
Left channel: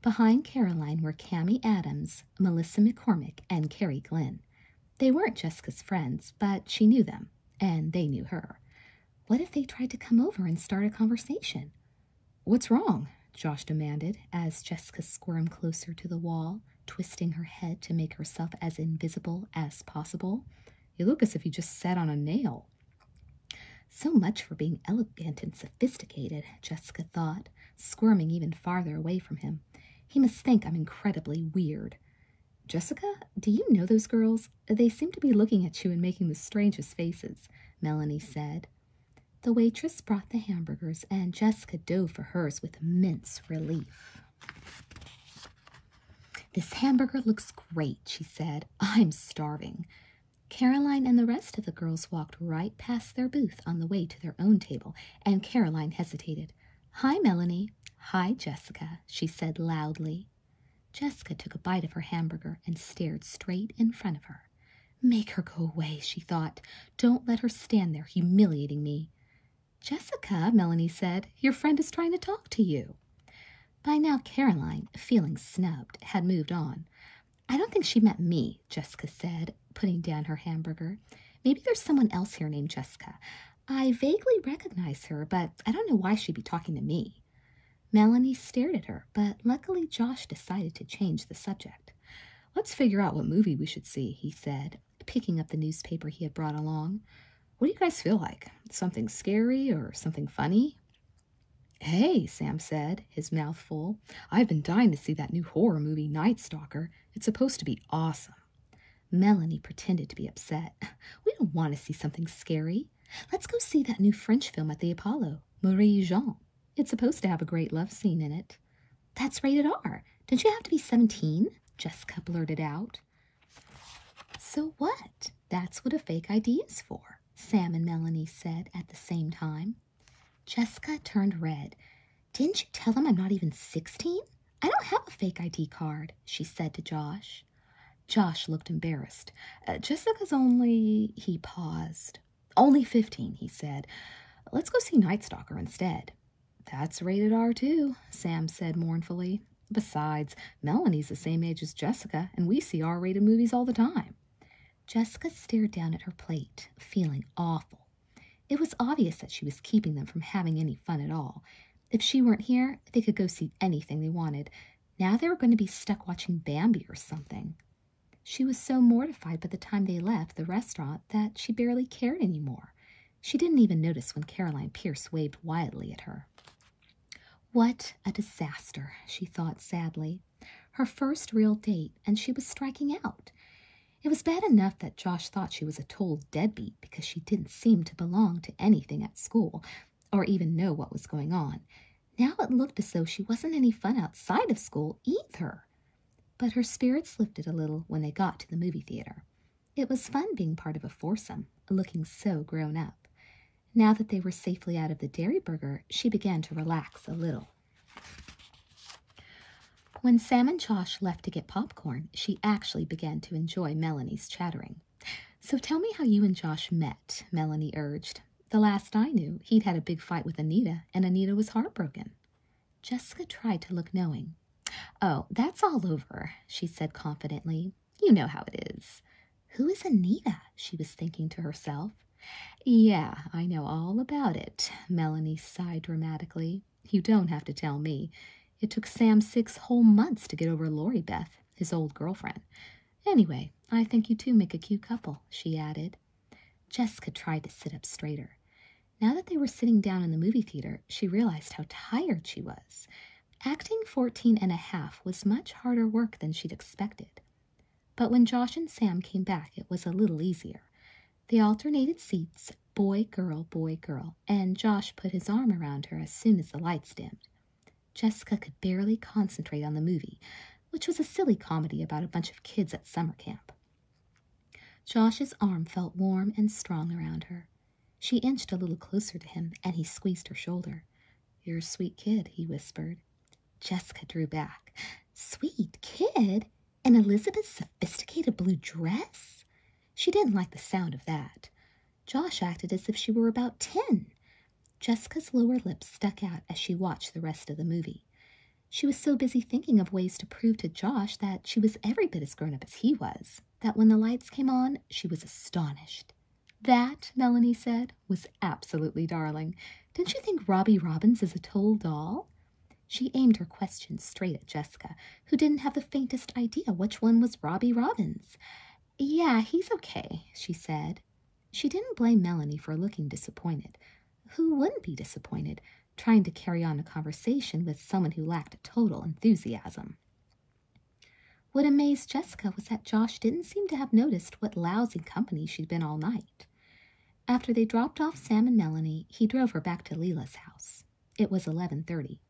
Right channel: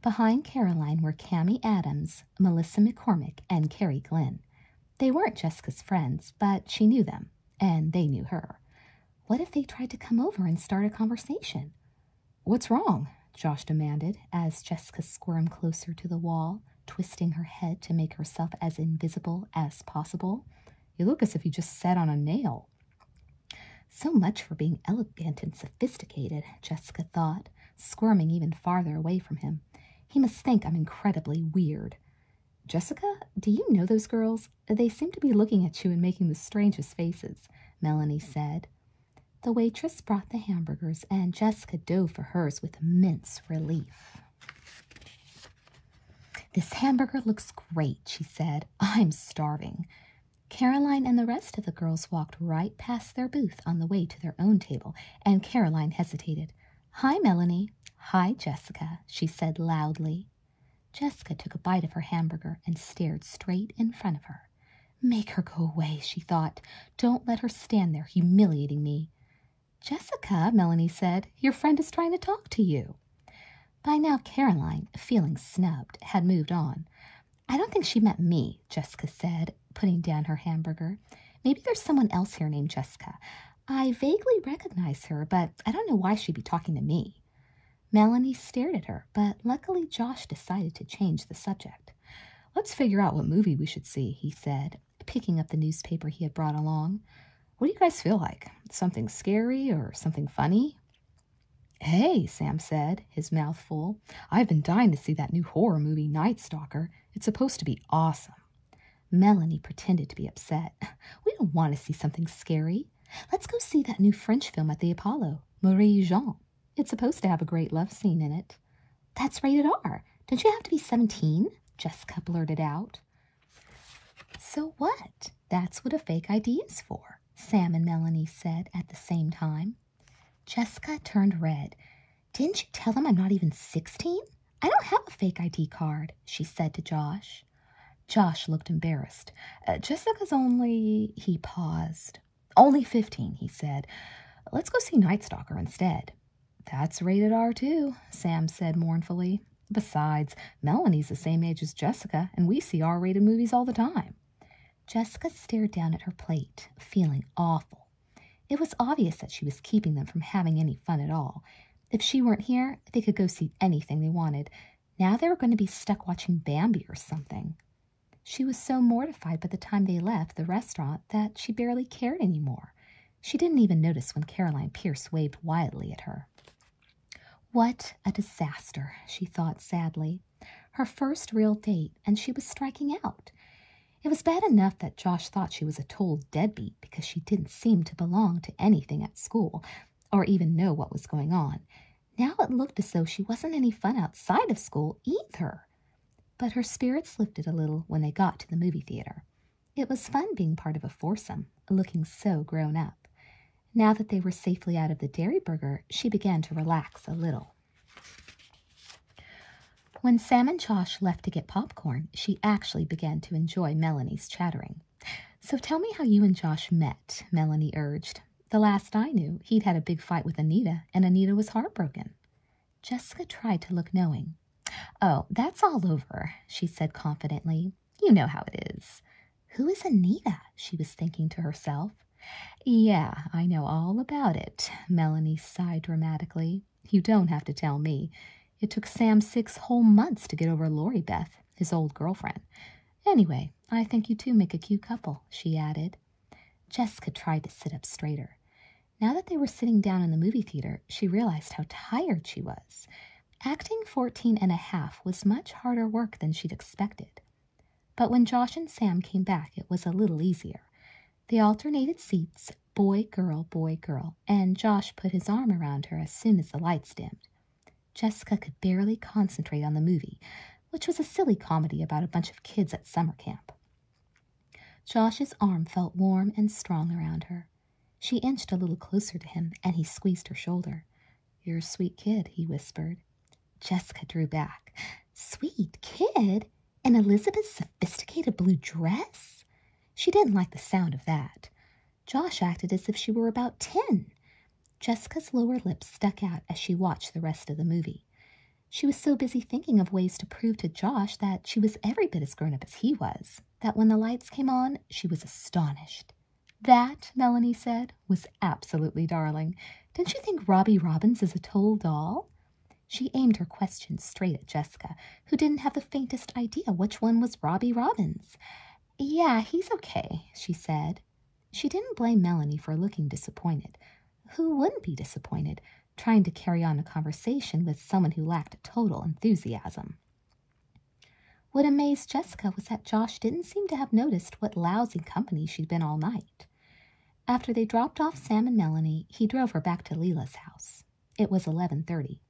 Behind Caroline were Cammie Adams, Melissa McCormick, and Carrie Glenn. They weren't Jessica's friends, but she knew them, and they knew her. What if they tried to come over and start a conversation? What's wrong? Josh demanded as Jessica squirmed closer to the wall, twisting her head to make herself as invisible as possible. You look as if you just sat on a nail. So much for being elegant and sophisticated, Jessica thought, squirming even farther away from him. He must think I'm incredibly weird. Jessica, do you know those girls? They seem to be looking at you and making the strangest faces, Melanie said. The waitress brought the hamburgers, and Jessica dove for hers with immense relief. This hamburger looks great, she said. I'm starving. Caroline and the rest of the girls walked right past their booth on the way to their own table, and Caroline hesitated. Hi, Melanie. Hi, Jessica, she said loudly. Jessica took a bite of her hamburger and stared straight in front of her. Make her go away, she thought. Don't let her stand there humiliating me. Jessica, Melanie said, your friend is trying to talk to you. By now, Caroline, feeling snubbed, had moved on. I don't think she meant me, Jessica said, putting down her hamburger. Maybe there's someone else here named Jessica. I vaguely recognize her, but I don't know why she'd be talking to me. Melanie stared at her, but luckily Josh decided to change the subject. Let's figure out what movie we should see, he said, picking up the newspaper he had brought along. What do you guys feel like? Something scary or something funny? Hey, Sam said, his mouth full. I've been dying to see that new horror movie, Night Stalker. It's supposed to be awesome. Melanie pretended to be upset. We don't want to see something scary. Let's go see that new French film at the Apollo, Marie Jean. It's supposed to have a great love scene in it. That's rated R. Don't you have to be 17? Jessica blurted out. So what? That's what a fake ID is for, Sam and Melanie said at the same time. Jessica turned red. Didn't you tell them I'm not even 16? I don't have a fake ID card, she said to Josh. Josh looked embarrassed. Jessica's only... He paused. Only 15, he said. Let's go see Night Stalker instead. That's rated R too, Sam said mournfully. Besides, Melanie's the same age as Jessica, and we see R-rated movies all the time. Jessica stared down at her plate, feeling awful. It was obvious that she was keeping them from having any fun at all. If she weren't here, they could go see anything they wanted. Now they were going to be stuck watching Bambi or something. She was so mortified by the time they left the restaurant that she barely cared anymore. She didn't even notice when Caroline Pierce waved wildly at her. What a disaster, she thought sadly. Her first real date, and she was striking out. It was bad enough that Josh thought she was a total deadbeat because she didn't seem to belong to anything at school or even know what was going on. Now it looked as though she wasn't any fun outside of school either. But her spirits lifted a little when they got to the movie theater. It was fun being part of a foursome, looking so grown up. Now that they were safely out of the Dairy Burger, she began to relax a little. When Sam and Josh left to get popcorn, she actually began to enjoy Melanie's chattering. So tell me how you and Josh met, Melanie urged. The last I knew, he'd had a big fight with Anita, and Anita was heartbroken. Jessica tried to look knowing. Oh, that's all over, she said confidently. You know how it is. Who is Anita? She was thinking to herself. Yeah, I know all about it, Melanie sighed dramatically. You don't have to tell me. It took Sam 6 whole months to get over Lori Beth, his old girlfriend. Anyway, I think you two make a cute couple, she added. Jessica tried to sit up straighter. Now that they were sitting down in the movie theater, she realized how tired she was. Acting 14 and a half was much harder work than she'd expected. But when Josh and Sam came back, it was a little easier. They alternated seats, boy, girl, and Josh put his arm around her as soon as the lights dimmed. Jessica could barely concentrate on the movie, which was a silly comedy about a bunch of kids at summer camp. Josh's arm felt warm and strong around her. She inched a little closer to him, and he squeezed her shoulder. "You're a sweet kid," he whispered. Jessica drew back. Sweet kid? In Elizabeth's sophisticated blue dress? She didn't like the sound of that. Josh acted as if she were about 10. Jessica's lower lip stuck out as she watched the rest of the movie. She was so busy thinking of ways to prove to Josh that she was every bit as grown-up as he was, that when the lights came on, she was astonished. "That," Melanie said, "was absolutely darling. Didn't you think Robbie Robbins is a total doll?" She aimed her question straight at Jessica, who didn't have the faintest idea which one was Robbie Robbins. "Yeah, he's okay," she said. She didn't blame Melanie for looking disappointed. Who wouldn't be disappointed, trying to carry on a conversation with someone who lacked total enthusiasm? What amazed Jessica was that Josh didn't seem to have noticed what lousy company she'd been all night. After they dropped off Sam and Melanie, he drove her back to Leela's house. It was 11:30.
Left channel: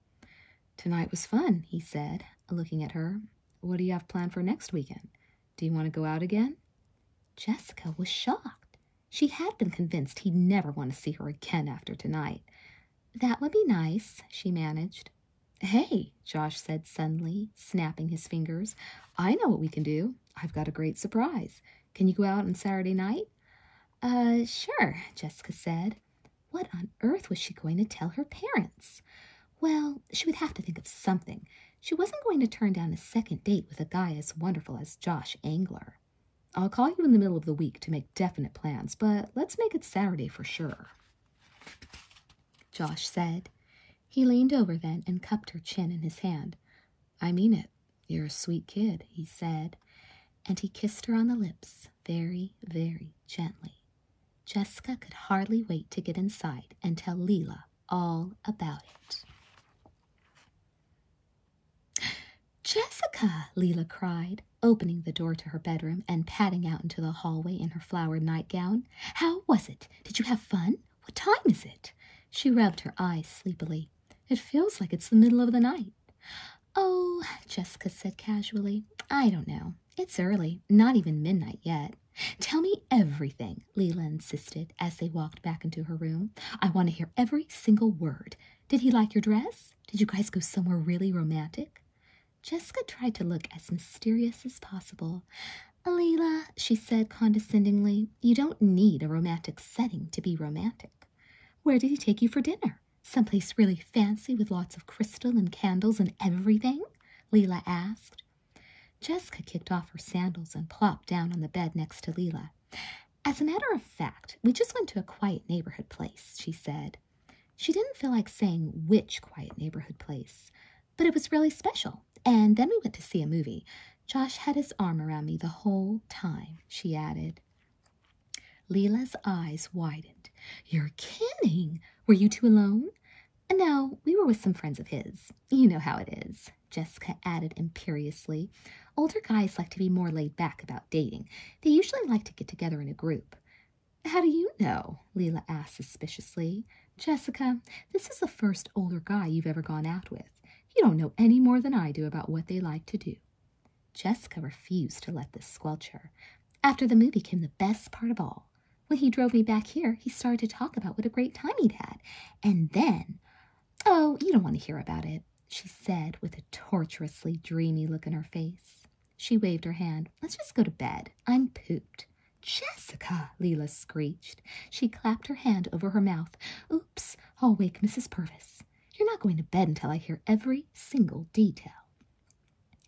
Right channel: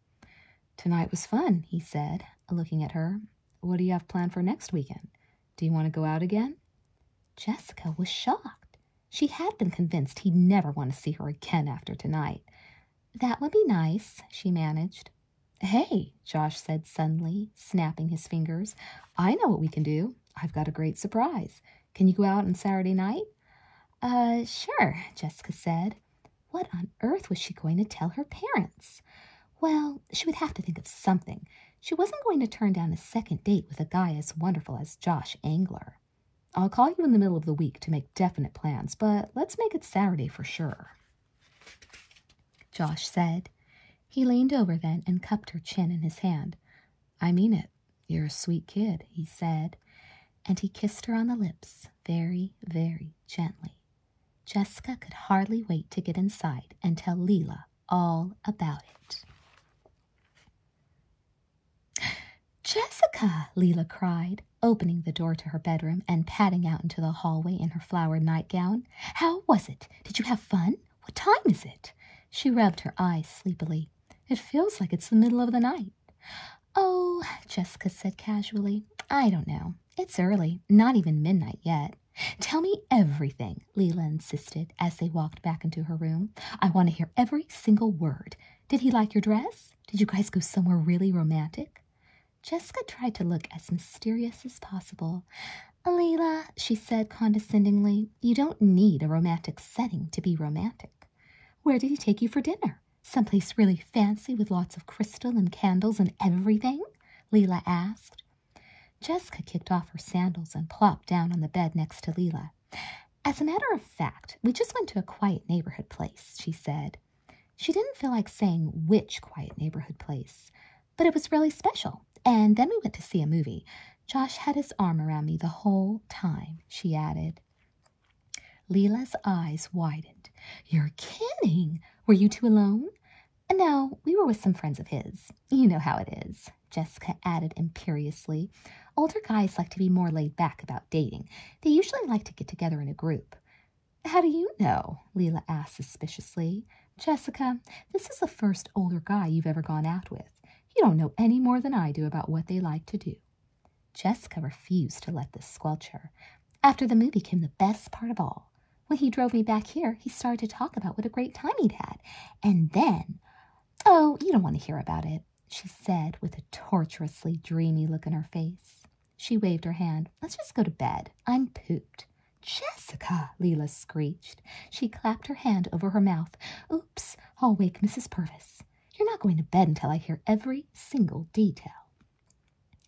"Tonight was fun," he said, looking at her. "What do you have planned for next weekend? Do you want to go out again?" Jessica was shocked. She had been convinced he'd never want to see her again after tonight. "That would be nice," she managed. "Hey," Josh said suddenly, snapping his fingers. "I know what we can do. I've got a great surprise. Can you go out on Saturday night?" Sure," Jessica said. What on earth was she going to tell her parents? Well, she would have to think of something. She wasn't going to turn down a second date with a guy as wonderful as Josh Angler. "I'll call you in the middle of the week to make definite plans, but let's make it Saturday for sure," Josh said. He leaned over then and cupped her chin in his hand. "I mean it. You're a sweet kid," he said, and he kissed her on the lips very, very gently. Jessica could hardly wait to get inside and tell Leela all about it. "Jessica!" Leela cried, opening the door to her bedroom and padding out into the hallway in her flowered nightgown. "How was it? Did you have fun? What time is it?" She rubbed her eyes sleepily. "It feels like it's the middle of the night." "Oh," Jessica said casually, "I don't know. It's early, not even midnight yet." "Tell me everything," Leela insisted as they walked back into her room. "I want to hear every single word. Did he like your dress? Did you guys go somewhere really romantic?" Jessica tried to look as mysterious as possible. "Leela," she said condescendingly, "you don't need a romantic setting to be romantic." "Where did he take you for dinner? Someplace really fancy with lots of crystal and candles and everything?" Leela asked. Jessica kicked off her sandals and plopped down on the bed next to Leela. "As a matter of fact, we just went to a quiet neighborhood place," she said. She didn't feel like saying which quiet neighborhood place, but it was really special. And then we went to see a movie. Josh had his arm around me the whole time, she added. Leela's eyes widened. "You're kidding! Were you two alone?" "No, we were with some friends of his. You know how it is," Jessica added imperiously. "Older guys like to be more laid back about dating. They usually like to get together in a group." "How do you know?" Leela asked suspiciously. "Jessica, this is the first older guy you've ever gone out with. You don't know any more than I do about what they like to do." Jessica refused to let this squelch her. "After the movie came the best part of all. When he drove me back here, he started to talk about what a great time he'd had. And then, oh, you don't want to hear about it," she said with a torturously dreamy look in her face. She waved her hand. "Let's just go to bed. I'm pooped." "Jessica!" Leela screeched. She clapped her hand over her mouth. "Oops, I'll wake Mrs. Purvis. You're not going to bed until I hear every single detail."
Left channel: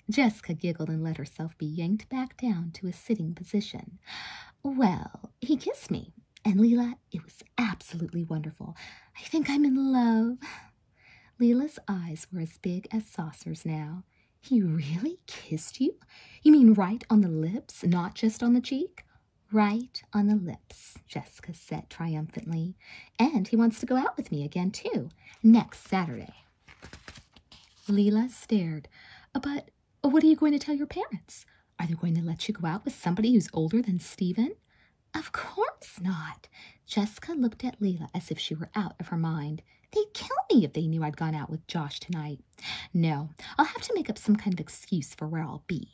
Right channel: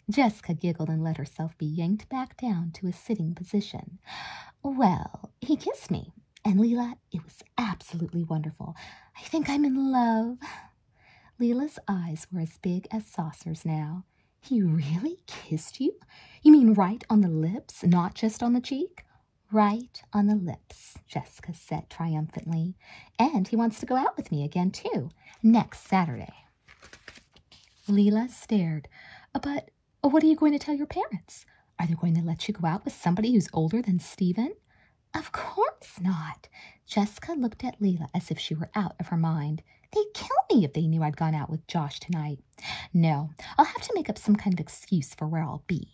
Jessica giggled and let herself be yanked back down to a sitting position. "Well, he kissed me, and Leela, it was absolutely wonderful. I think I'm in love." Leela's eyes were as big as saucers now. "He really kissed you? You mean right on the lips, not just on the cheek?" Right on the lips, Jessica said triumphantly. And he wants to go out with me again, too, next Saturday. Leela stared. But what are you going to tell your parents? Are they going to let you go out with somebody who's older than Stephen? Of course not. Jessica looked at Leela as if she were out of her mind. They'd kill me if they knew I'd gone out with Josh tonight. No, I'll have to make up some kind of excuse for where I'll be.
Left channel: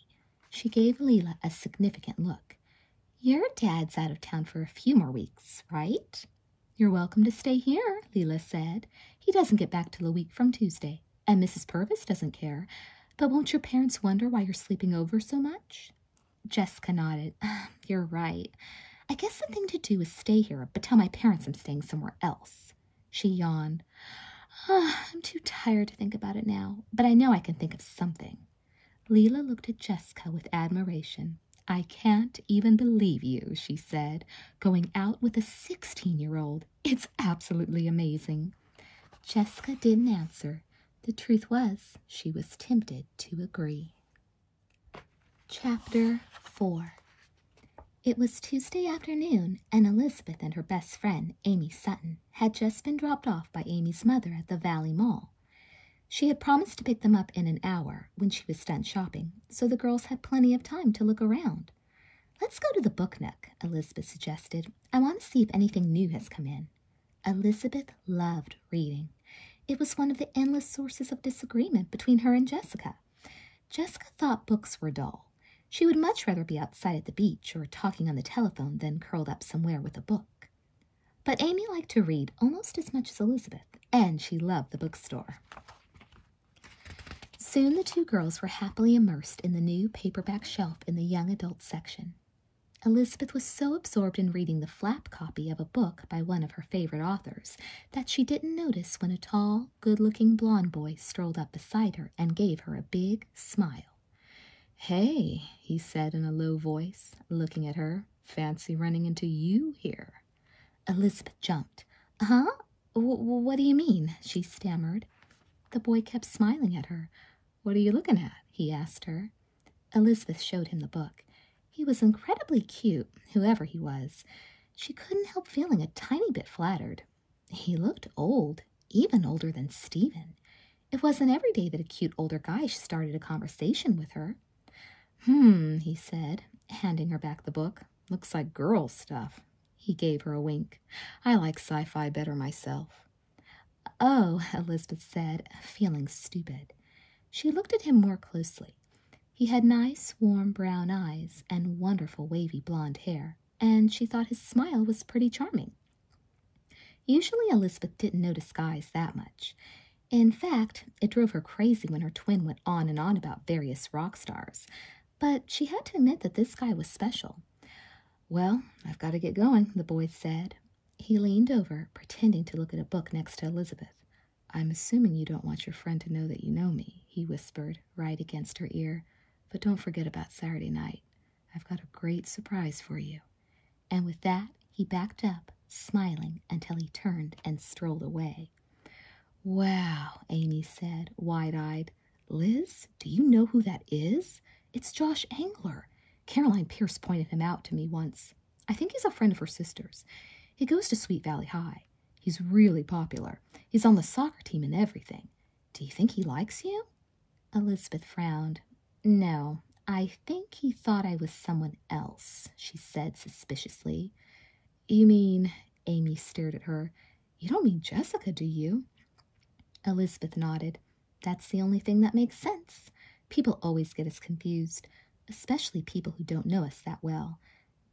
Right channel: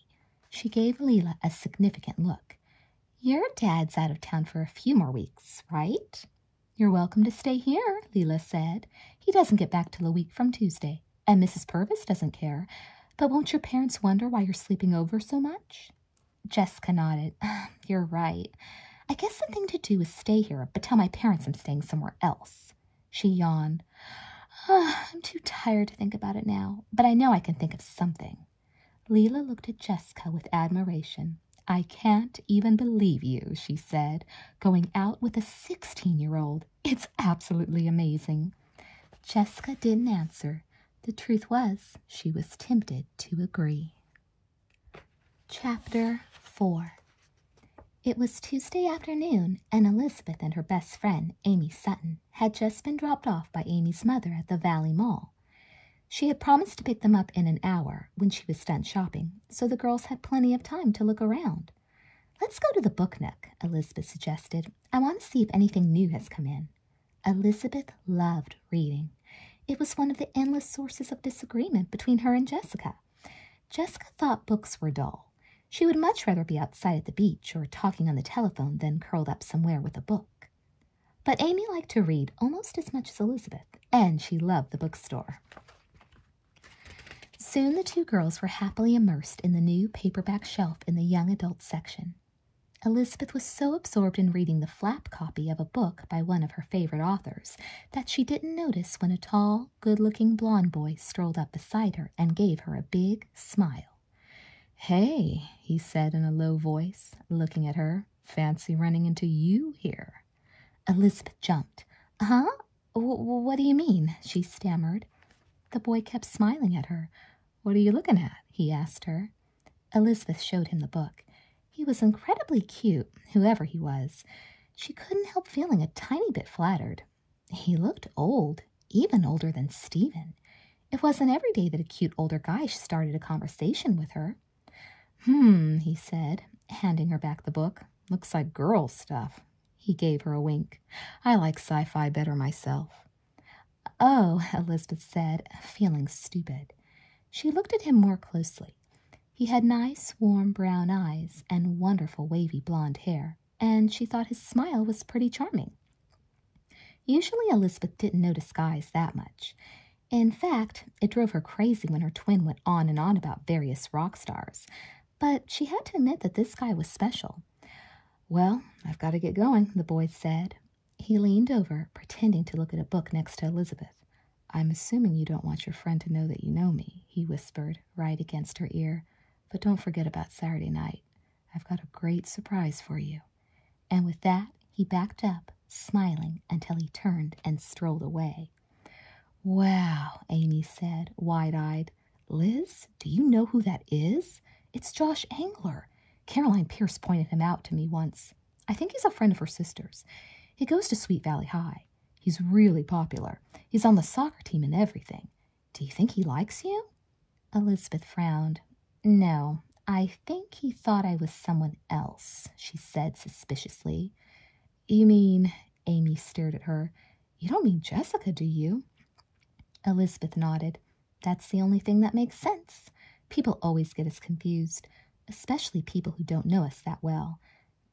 She gave Leela a significant look. Your dad's out of town for a few more weeks, right? You're welcome to stay here, Leela said. He doesn't get back till a week from Tuesday, and Mrs. Purvis doesn't care. But won't your parents wonder why you're sleeping over so much? Jessica nodded. You're right. I guess the thing to do is stay here, but tell my parents I'm staying somewhere else. She yawned. I'm too tired to think about it now, but I know I can think of something. Leela looked at Jessica with admiration. I can't even believe you, she said, going out with a 16-year-old. It's absolutely amazing. Jessica didn't answer. The truth was, she was tempted to agree. Chapter 4. It was Tuesday afternoon, and Elizabeth and her best friend, Amy Sutton, had just been dropped off by Amy's mother at the Valley Mall. She had promised to pick them up in an hour when she was done shopping, so the girls had plenty of time to look around. Let's go to the book nook, Elizabeth suggested. I want to see if anything new has come in. Elizabeth loved reading. It was one of the endless sources of disagreement between her and Jessica. Jessica thought books were dull. She would much rather be outside at the beach or talking on the telephone than curled up somewhere with a book. But Amy liked to read almost as much as Elizabeth, and she loved the bookstore. Soon the two girls were happily immersed in the new paperback shelf in the young adult section. Elizabeth was so absorbed in reading the flap copy of a book by one of her favorite authors that she didn't notice when a tall, good-looking blonde boy strolled up beside her and gave her a big smile. Hey, he said in a low voice, looking at her. Fancy running into you here. Elizabeth jumped. Huh? What do you mean? She stammered. The boy kept smiling at her. What are you looking at? He asked her. Elizabeth showed him the book. He was incredibly cute, whoever he was. She couldn't help feeling a tiny bit flattered. He looked old, even older than Stephen. It wasn't every day that a cute older guy started a conversation with her. He said, handing her back the book. Looks like girl stuff. He gave her a wink. I like sci-fi better myself. Oh, Elizabeth said, feeling stupid. She looked at him more closely. He had nice, warm brown eyes and wonderful wavy blonde hair, and she thought his smile was pretty charming. Usually Elizabeth didn't notice guys that much. In fact, it drove her crazy when her twin went on and on about various rock stars. But she had to admit that this guy was special. Well, I've got to get going, the boy said. He leaned over, pretending to look at a book next to Elizabeth. I'm assuming you don't want your friend to know that you know me, he whispered, right against her ear. But don't forget about Saturday night. I've got a great surprise for you. And with that, he backed up, smiling until he turned and strolled away. Wow, Amy said, wide-eyed. Liz, do you know who that is? It's Josh Angler. Caroline Pierce pointed him out to me once. I think he's a friend of her sister's. He goes to Sweet Valley High. He's really popular. He's on the soccer team and everything. Do you think he likes you? Elizabeth frowned. No, I think he thought I was someone else, she said suspiciously. You mean, Amy stared at her, you don't mean Jessica, do you? Elizabeth nodded. That's the only thing that makes sense. People always get us confused, especially people who don't know us that well.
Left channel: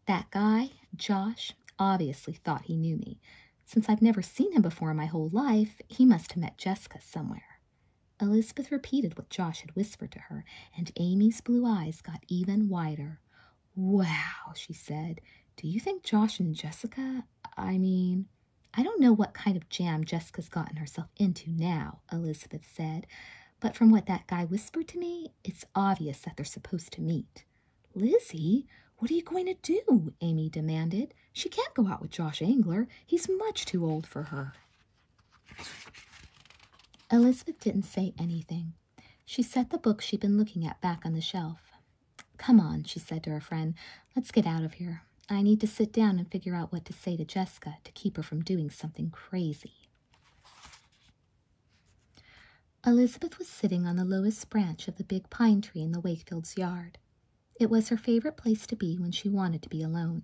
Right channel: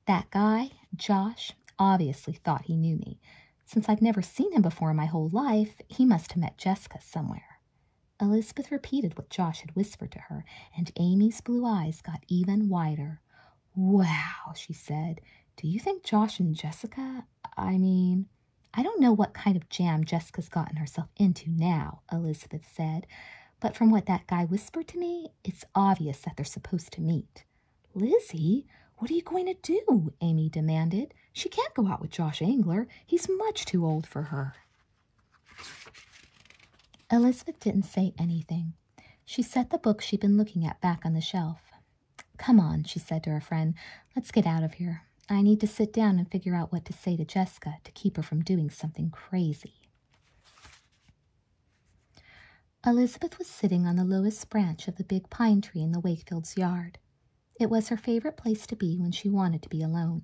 That guy, Josh, obviously thought he knew me. Since I've never seen him before in my whole life, he must have met Jessica somewhere. Elizabeth repeated what Josh had whispered to her, and Amy's blue eyes got even wider. Wow, she said. Do you think Josh and Jessica, I don't know what kind of jam Jessica's gotten herself into now, Elizabeth said, but from what that guy whispered to me, it's obvious that they're supposed to meet. Lizzie, what are you going to do? Amy demanded. She can't go out with Josh Angler. He's much too old for her. Elizabeth didn't say anything. She set the book she'd been looking at back on the shelf. Come on, she said to her friend. Let's get out of here. I need to sit down and figure out what to say to Jessica to keep her from doing something crazy. Elizabeth was sitting on the lowest branch of the big pine tree in the Wakefields' yard. It was her favorite place to be when she wanted to be alone,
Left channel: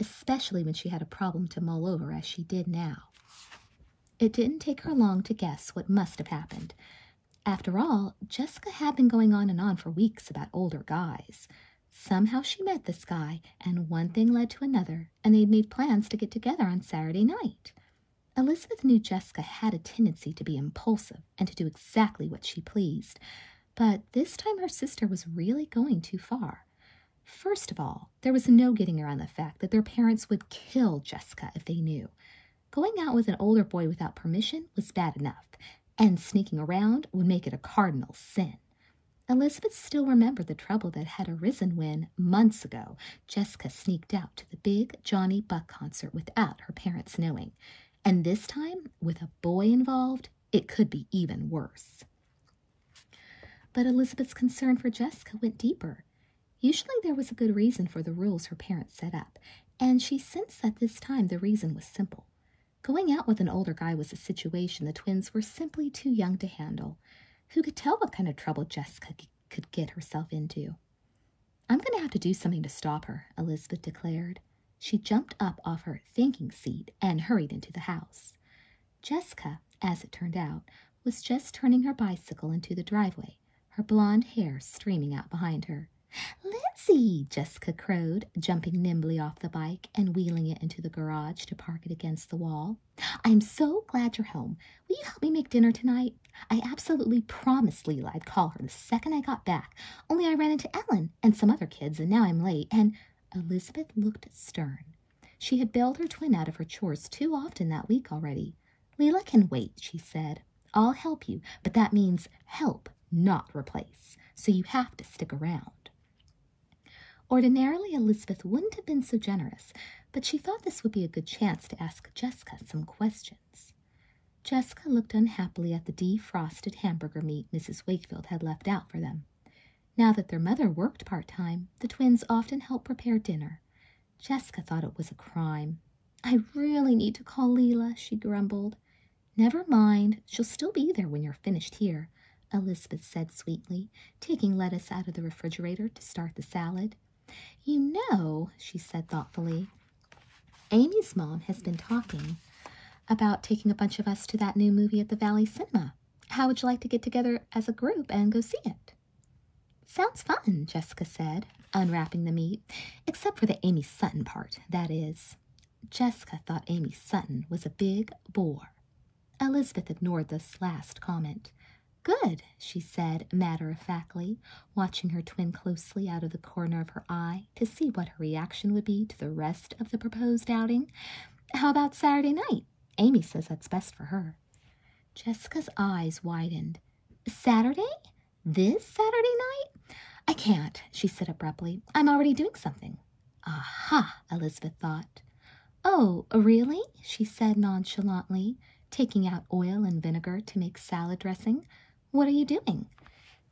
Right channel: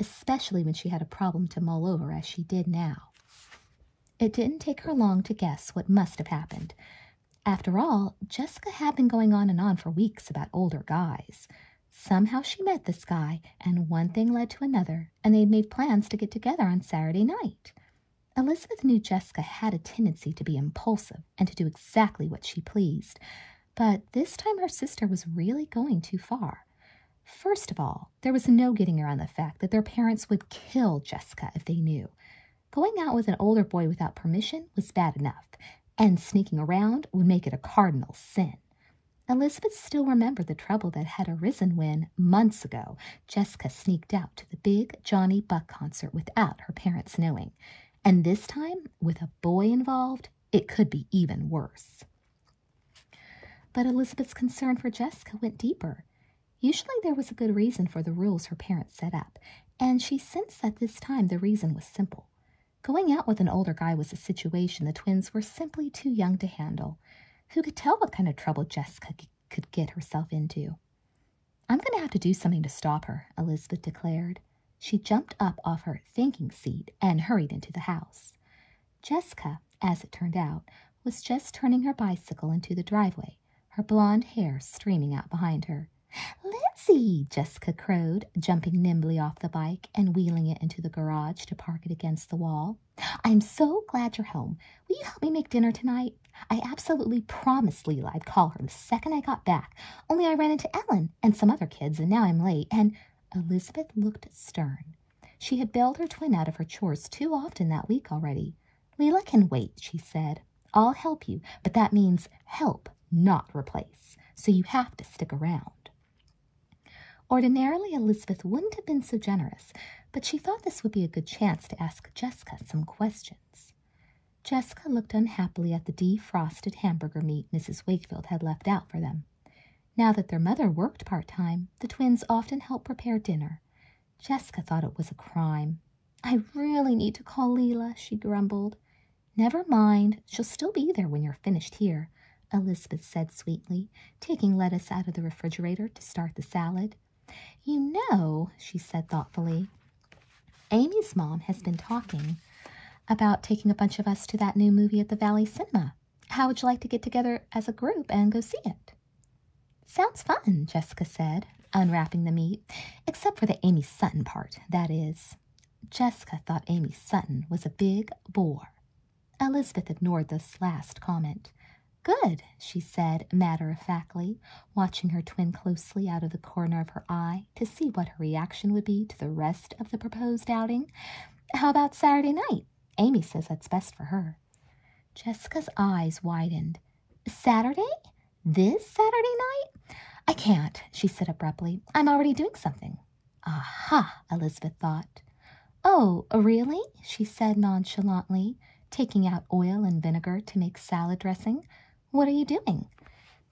especially when she had a problem to mull over as she did now. It didn't take her long to guess what must have happened. After all, Jessica had been going on and on for weeks about older guys. Somehow she met this guy, and one thing led to another, and they'd made plans to get together on Saturday night. Elizabeth knew Jessica had a tendency to be impulsive and to do exactly what she pleased, but this time her sister was really going too far. First of all, there was no getting around the fact that their parents would kill Jessica if they knew. Going out with an older boy without permission was bad enough, and sneaking around would make it a cardinal sin. Elizabeth still remembered the trouble that had arisen when, months ago, Jessica sneaked out to the big Johnny Buck concert without her parents knowing. And this time, with a boy involved, it could be even worse. But Elizabeth's concern for Jessica went deeper. Usually there was a good reason for the rules her parents set up, and she sensed that this time the reason was simple. Going out with an older guy was a situation the twins were simply too young to handle. Who could tell what kind of trouble Jessica could get herself into? "I'm going to have to do something to stop her," Elizabeth declared. She jumped up off her thinking seat and hurried into the house. Jessica, as it turned out, was just turning her bicycle into the driveway, her blonde hair streaming out behind her. "Lizzie!" Jessica crowed, jumping nimbly off the bike and wheeling it into the garage to park it against the wall. "I'm so glad you're home. Will you help me make dinner tonight? I absolutely promised Leela I'd call her the second I got back, only I ran into Ellen and some other kids, and now I'm late, and—" Elizabeth looked stern. She had bailed her twin out of her chores too often that week already. "Leela can wait," she said. "I'll help you, but that means help, not replace, so you have to stick around." Ordinarily, Elizabeth wouldn't have been so generous, but she thought this would be a good chance to ask Jessica some questions. Jessica looked unhappily at the defrosted hamburger meat Mrs. Wakefield had left out for them. Now that their mother worked part-time, the twins often helped prepare dinner. Jessica thought it was a crime. "I really need to call Leela," she grumbled. "Never mind, she'll still be there when you're finished here," Elizabeth said sweetly, taking lettuce out of the refrigerator to start the salad. "You know," she said thoughtfully, "Amy's mom has been talking about taking a bunch of us to that new movie at the Valley Cinema. How would you like to get together as a group and go see it?" "Sounds fun," Jessica said, unwrapping the meat, "except for the Amy Sutton part, that is." Jessica thought Amy Sutton was a big bore. Elizabeth ignored this last comment. "Good," she said matter-of-factly, watching her twin closely out of the corner of her eye to see what her reaction would be to the rest of the proposed outing. "How about Saturday night? Amy says that's best for her." Jessica's eyes widened. "Saturday? This Saturday night? I can't," she said abruptly. "I'm already doing something." "Aha," Elizabeth thought. "Oh, really?" she said nonchalantly, taking out oil and vinegar to make salad dressing. "What are you doing?"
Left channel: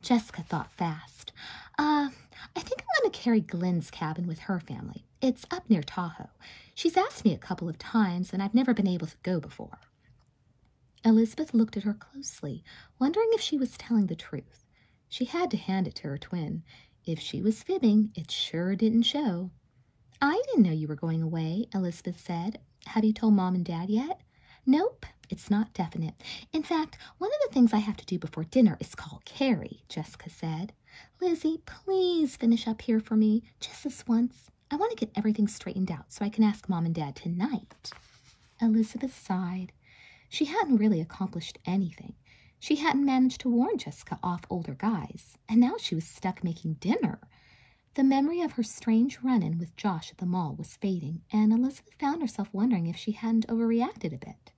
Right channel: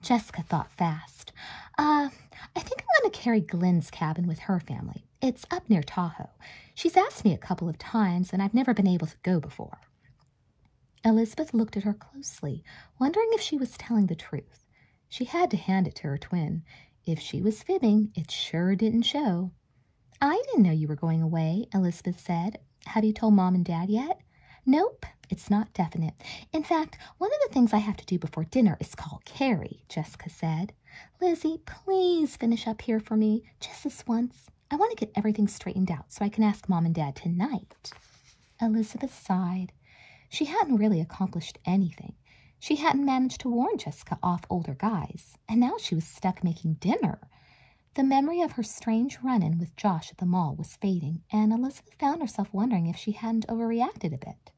Jessica thought fast. I think I'm going to carry Glynn's cabin with her family. It's up near Tahoe. She's asked me a couple of times, and I've never been able to go before." Elizabeth looked at her closely, wondering if she was telling the truth. She had to hand it to her twin. If she was fibbing, it sure didn't show. "I didn't know you were going away," Elizabeth said. "Have you told Mom and Dad yet?" "Nope. It's not definite. In fact, one of the things I have to do before dinner is call Carrie," Jessica said. "Lizzie, please finish up here for me, just this once. I want to get everything straightened out so I can ask Mom and Dad tonight." Elizabeth sighed. She hadn't really accomplished anything. She hadn't managed to warn Jessica off older guys, and now she was stuck making dinner. The memory of her strange run-in with Josh at the mall was fading, and Elizabeth found herself wondering if she hadn't overreacted a bit.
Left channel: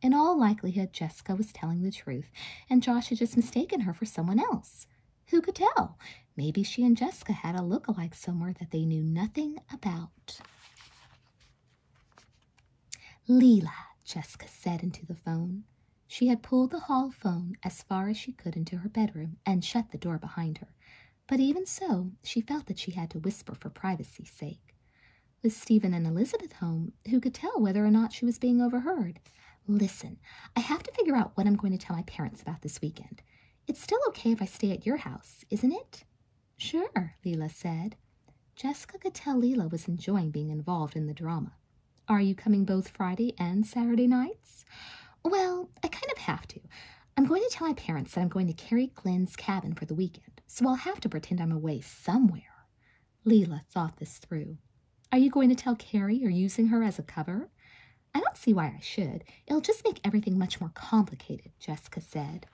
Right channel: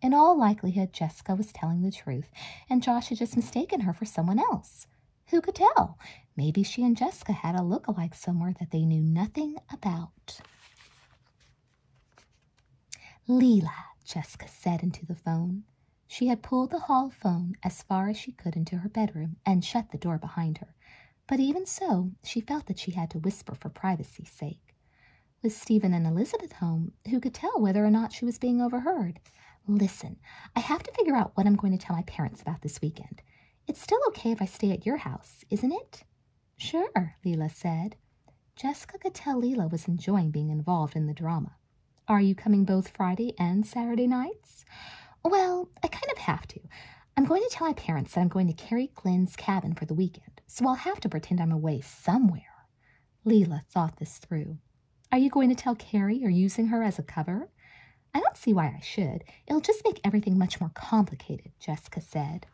In all likelihood, Jessica was telling the truth, and Josh had just mistaken her for someone else. Who could tell? Maybe she and Jessica had a look-alike somewhere that they knew nothing about. "Leela," Jessica said into the phone. She had pulled the hall phone as far as she could into her bedroom and shut the door behind her. But even so, she felt that she had to whisper for privacy's sake. With Stephen and Elizabeth home, who could tell whether or not she was being overheard? Listen, I have to figure out what I'm going to tell my parents about this weekend. It's still okay if I stay at your house, isn't it? Sure, Leela said. Jessica could tell Leela was enjoying being involved in the drama. Are you coming both Friday and Saturday nights? Well, I kind of have to. I'm going to tell my parents that I'm going to Carrie Glynn's cabin for the weekend, so I'll have to pretend I'm away somewhere. Leela thought this through. Are you going to tell Carrie you're using her as a cover? I don't see why I should. It'll just make everything much more complicated, Jessica said.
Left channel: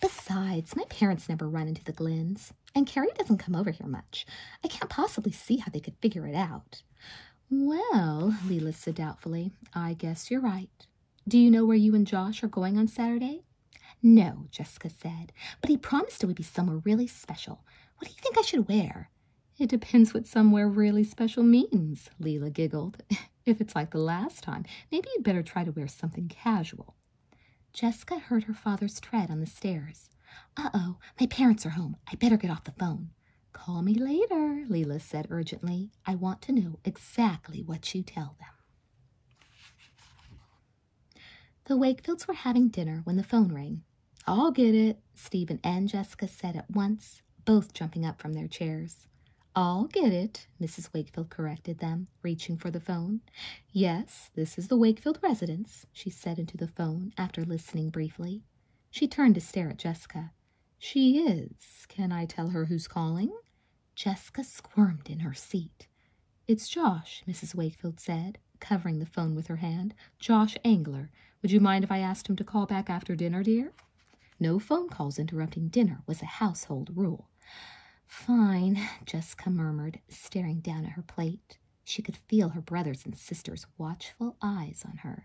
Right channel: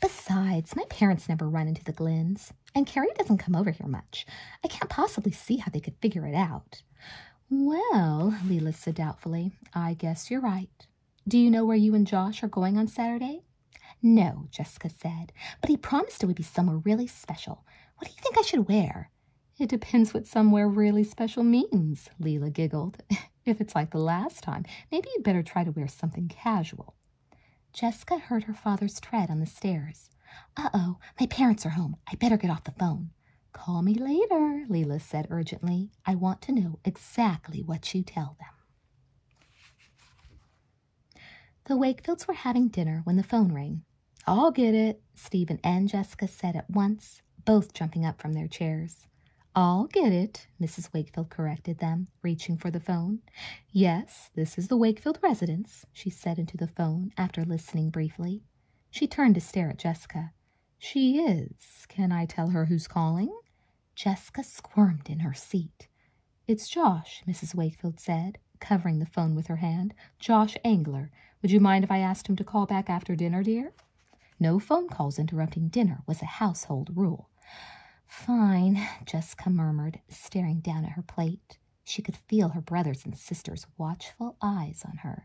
Besides, my parents never run into the Glynns, and Carrie doesn't come over here much. I can't possibly see how they could figure it out. Well, Leela said doubtfully, I guess you're right. Do you know where you and Josh are going on Saturday? No, Jessica said, but he promised it would be somewhere really special. What do you think I should wear? It depends what somewhere really special means, Leela giggled. If it's like the last time, maybe you'd better try to wear something casual. Jessica heard her father's tread on the stairs. Uh-oh, my parents are home. I better get off the phone. Call me later, Leela said urgently. I want to know exactly what you tell them. The Wakefields were having dinner when the phone rang. I'll get it, Stephen and Jessica said at once, both jumping up from their chairs. I'll get it, Mrs. Wakefield corrected them, reaching for the phone. Yes, this is the Wakefield residence, she said into the phone after listening briefly. She turned to stare at Jessica. She is. Can I tell her who's calling? Jessica squirmed in her seat. It's Josh, Mrs. Wakefield said, covering the phone with her hand. Josh Angler. Would you mind if I asked him to call back after dinner, dear? No phone calls interrupting dinner was a household rule. Fine, Jessica murmured, staring down at her plate. She could feel her brothers and sisters' watchful eyes on her.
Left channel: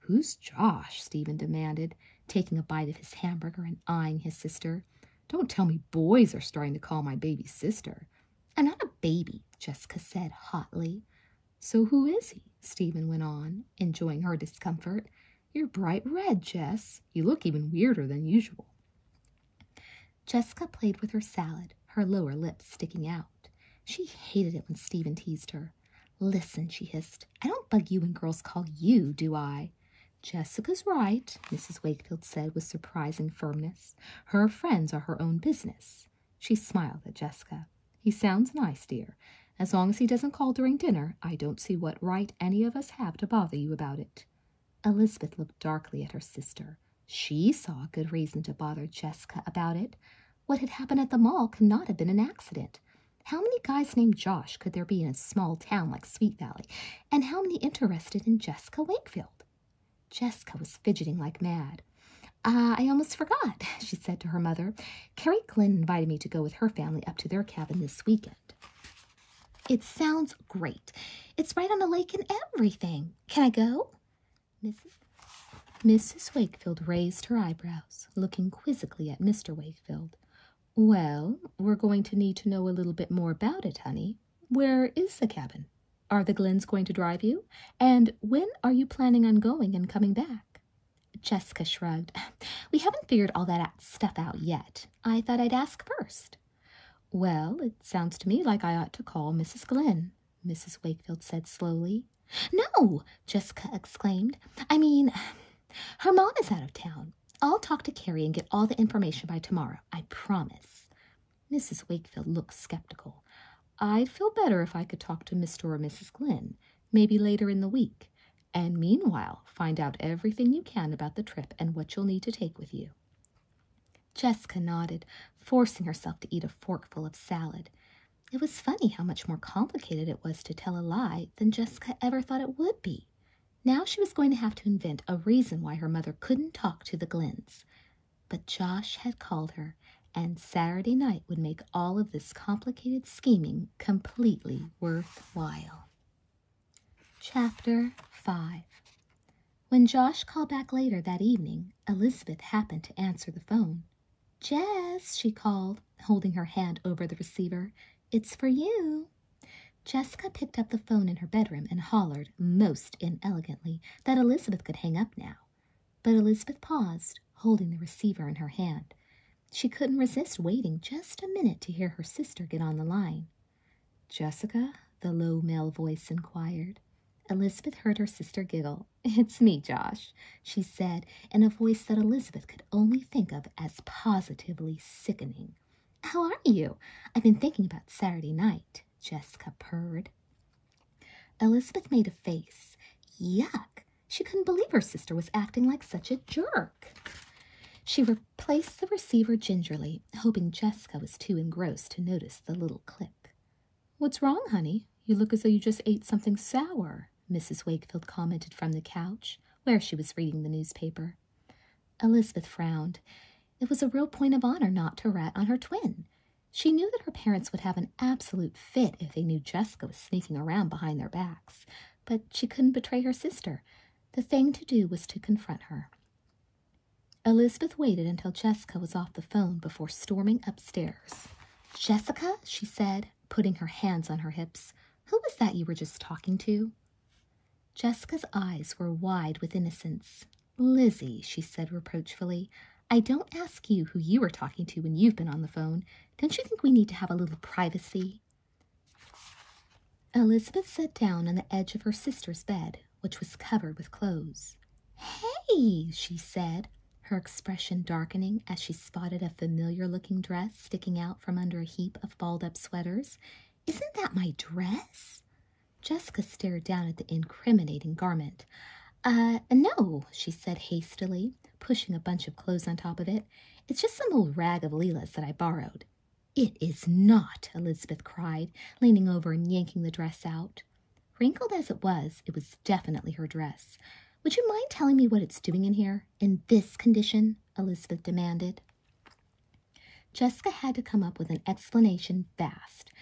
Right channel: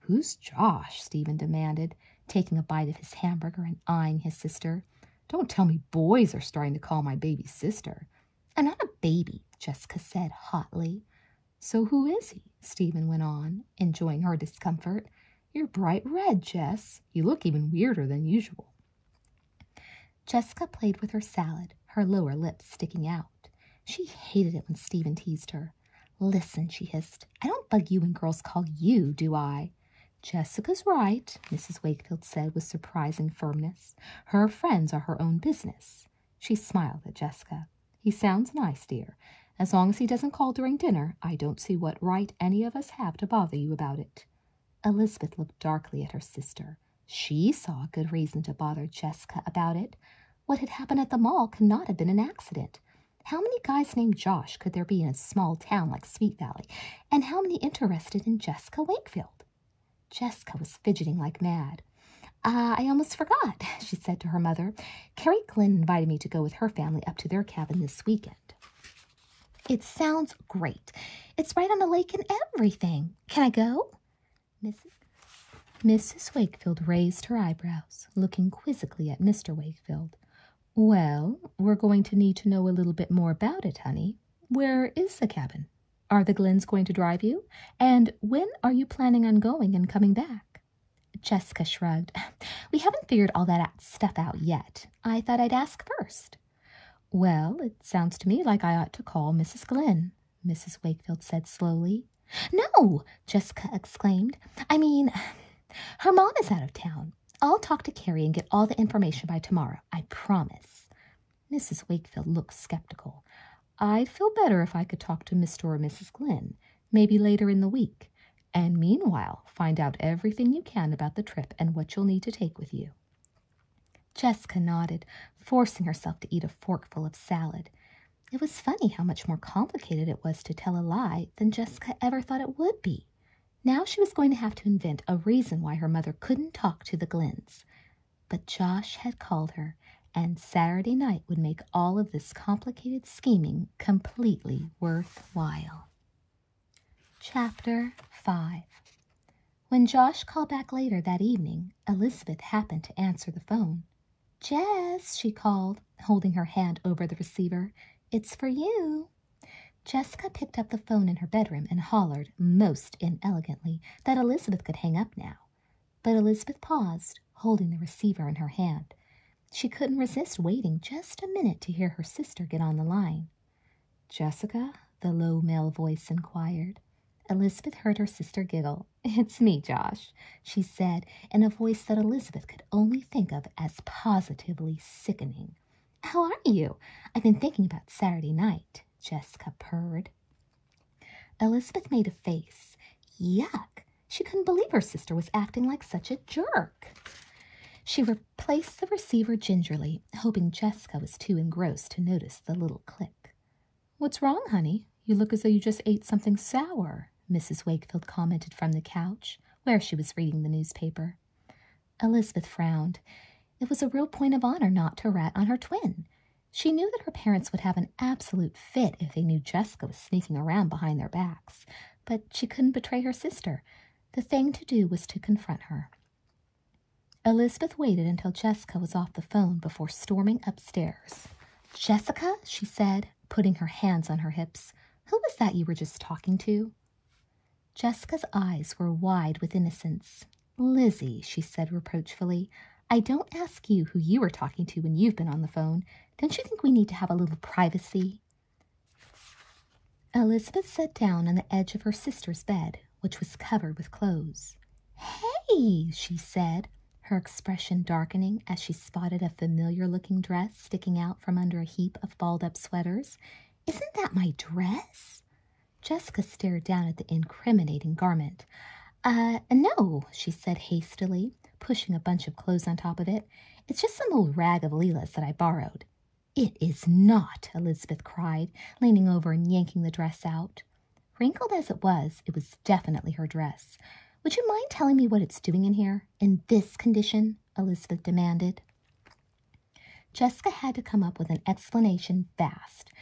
Who's Josh? Stephen demanded, taking a bite of his hamburger and eyeing his sister. Don't tell me boys are starting to call my baby sister. I'm not a baby, Jessica said hotly. So who is he? Stephen went on, enjoying her discomfort. You're bright red, Jess. You look even weirder than usual. Jessica played with her salad, her lower lip sticking out. She hated it when Stephen teased her. Listen, she hissed, I don't bug you when girls call you, do I? Jessica's right, Mrs. Wakefield said with surprising firmness. Her friends are her own business. She smiled at Jessica. He sounds nice, dear. As long as he doesn't call during dinner, I don't see what right any of us have to bother you about it. Elizabeth looked darkly at her sister. She saw a good reason to bother Jessica about it. What had happened at the mall could not have been an accident. How many guys named Josh could there be in a small town like Sweet Valley, and how many interested in Jessica Wakefield? Jessica was fidgeting like mad. I almost forgot, she said to her mother. Carrie Glynn invited me to go with her family up to their cabin this weekend. It sounds great. It's right on a lake and everything. Can I go? Mrs. Wakefield raised her eyebrows, looking quizzically at Mr. Wakefield. Well, we're going to need to know a little bit more about it, honey. Where is the cabin? Are the Glynns going to drive you? And when are you planning on going and coming back? Jessica shrugged. We haven't figured all that stuff out yet. I thought I'd ask first. Well, it sounds to me like I ought to call Mrs. Glynn, Mrs. Wakefield said slowly. No, Jessica exclaimed. I mean, her mom is out of town. I'll talk to Carrie and get all the information by tomorrow, I promise. Mrs. Wakefield looked skeptical. I'd feel better if I could talk to Mr. or Mrs. Glynn, maybe later in the week, and meanwhile find out everything you can about the trip and what you'll need to take with you. Jessica nodded, forcing herself to eat a forkful of salad. It was funny how much more complicated it was to tell a lie than Jessica ever thought it would be. Now she was going to have to invent a reason why her mother couldn't talk to the Glynns. But Josh had called her, and Saturday night would make all of this complicated scheming completely worthwhile. Chapter 5. When Josh called back later that evening, Elizabeth happened to answer the phone. Jess, she called, holding her hand over the receiver. It's for you. Jessica picked up the phone in her bedroom and hollered, most inelegantly, that Elizabeth could hang up now. But Elizabeth paused, holding the receiver in her hand. She couldn't resist waiting just a minute to hear her sister get on the line. Jessica, the low male voice inquired. Elizabeth heard her sister giggle. "It's me, Josh," she said, in a voice that Elizabeth could only think of as positively sickening. "How are you? I've been thinking about Saturday night," Jessica purred. Elizabeth made a face. Yuck! She couldn't believe her sister was acting like such a jerk. She replaced the receiver gingerly, hoping Jessica was too engrossed to notice the little click. "What's wrong, honey? You look as though you just ate something sour," Mrs. Wakefield commented from the couch, where she was reading the newspaper. Elizabeth frowned. It was a real point of honor not to rat on her twin. She knew that her parents would have an absolute fit if they knew Jessica was sneaking around behind their backs, but she couldn't betray her sister. The thing to do was to confront her. Elizabeth waited until Jessica was off the phone before storming upstairs. "Jessica," she said, putting her hands on her hips, "who was that you were just talking to?" Jessica's eyes were wide with innocence. "Lizzie," she said reproachfully, "I don't ask you who you were talking to when you've been on the phone. Don't you think we need to have a little privacy?" Elizabeth sat down on the edge of her sister's bed, which was covered with clothes. "Hey," she said, her expression darkening as she spotted a familiar-looking dress sticking out from under a heap of balled-up sweaters. "Isn't that my dress?" Jessica stared down at the incriminating garment. No," she said hastily, pushing a bunch of clothes on top of it. "It's just some old rag of Leela's that I borrowed." "It is not," Elizabeth cried, leaning over and yanking the dress out. Wrinkled as it was definitely her dress. "Would you mind telling me what it's doing in here, in this condition?" Elizabeth demanded. Jessica had to come up with an explanation fast.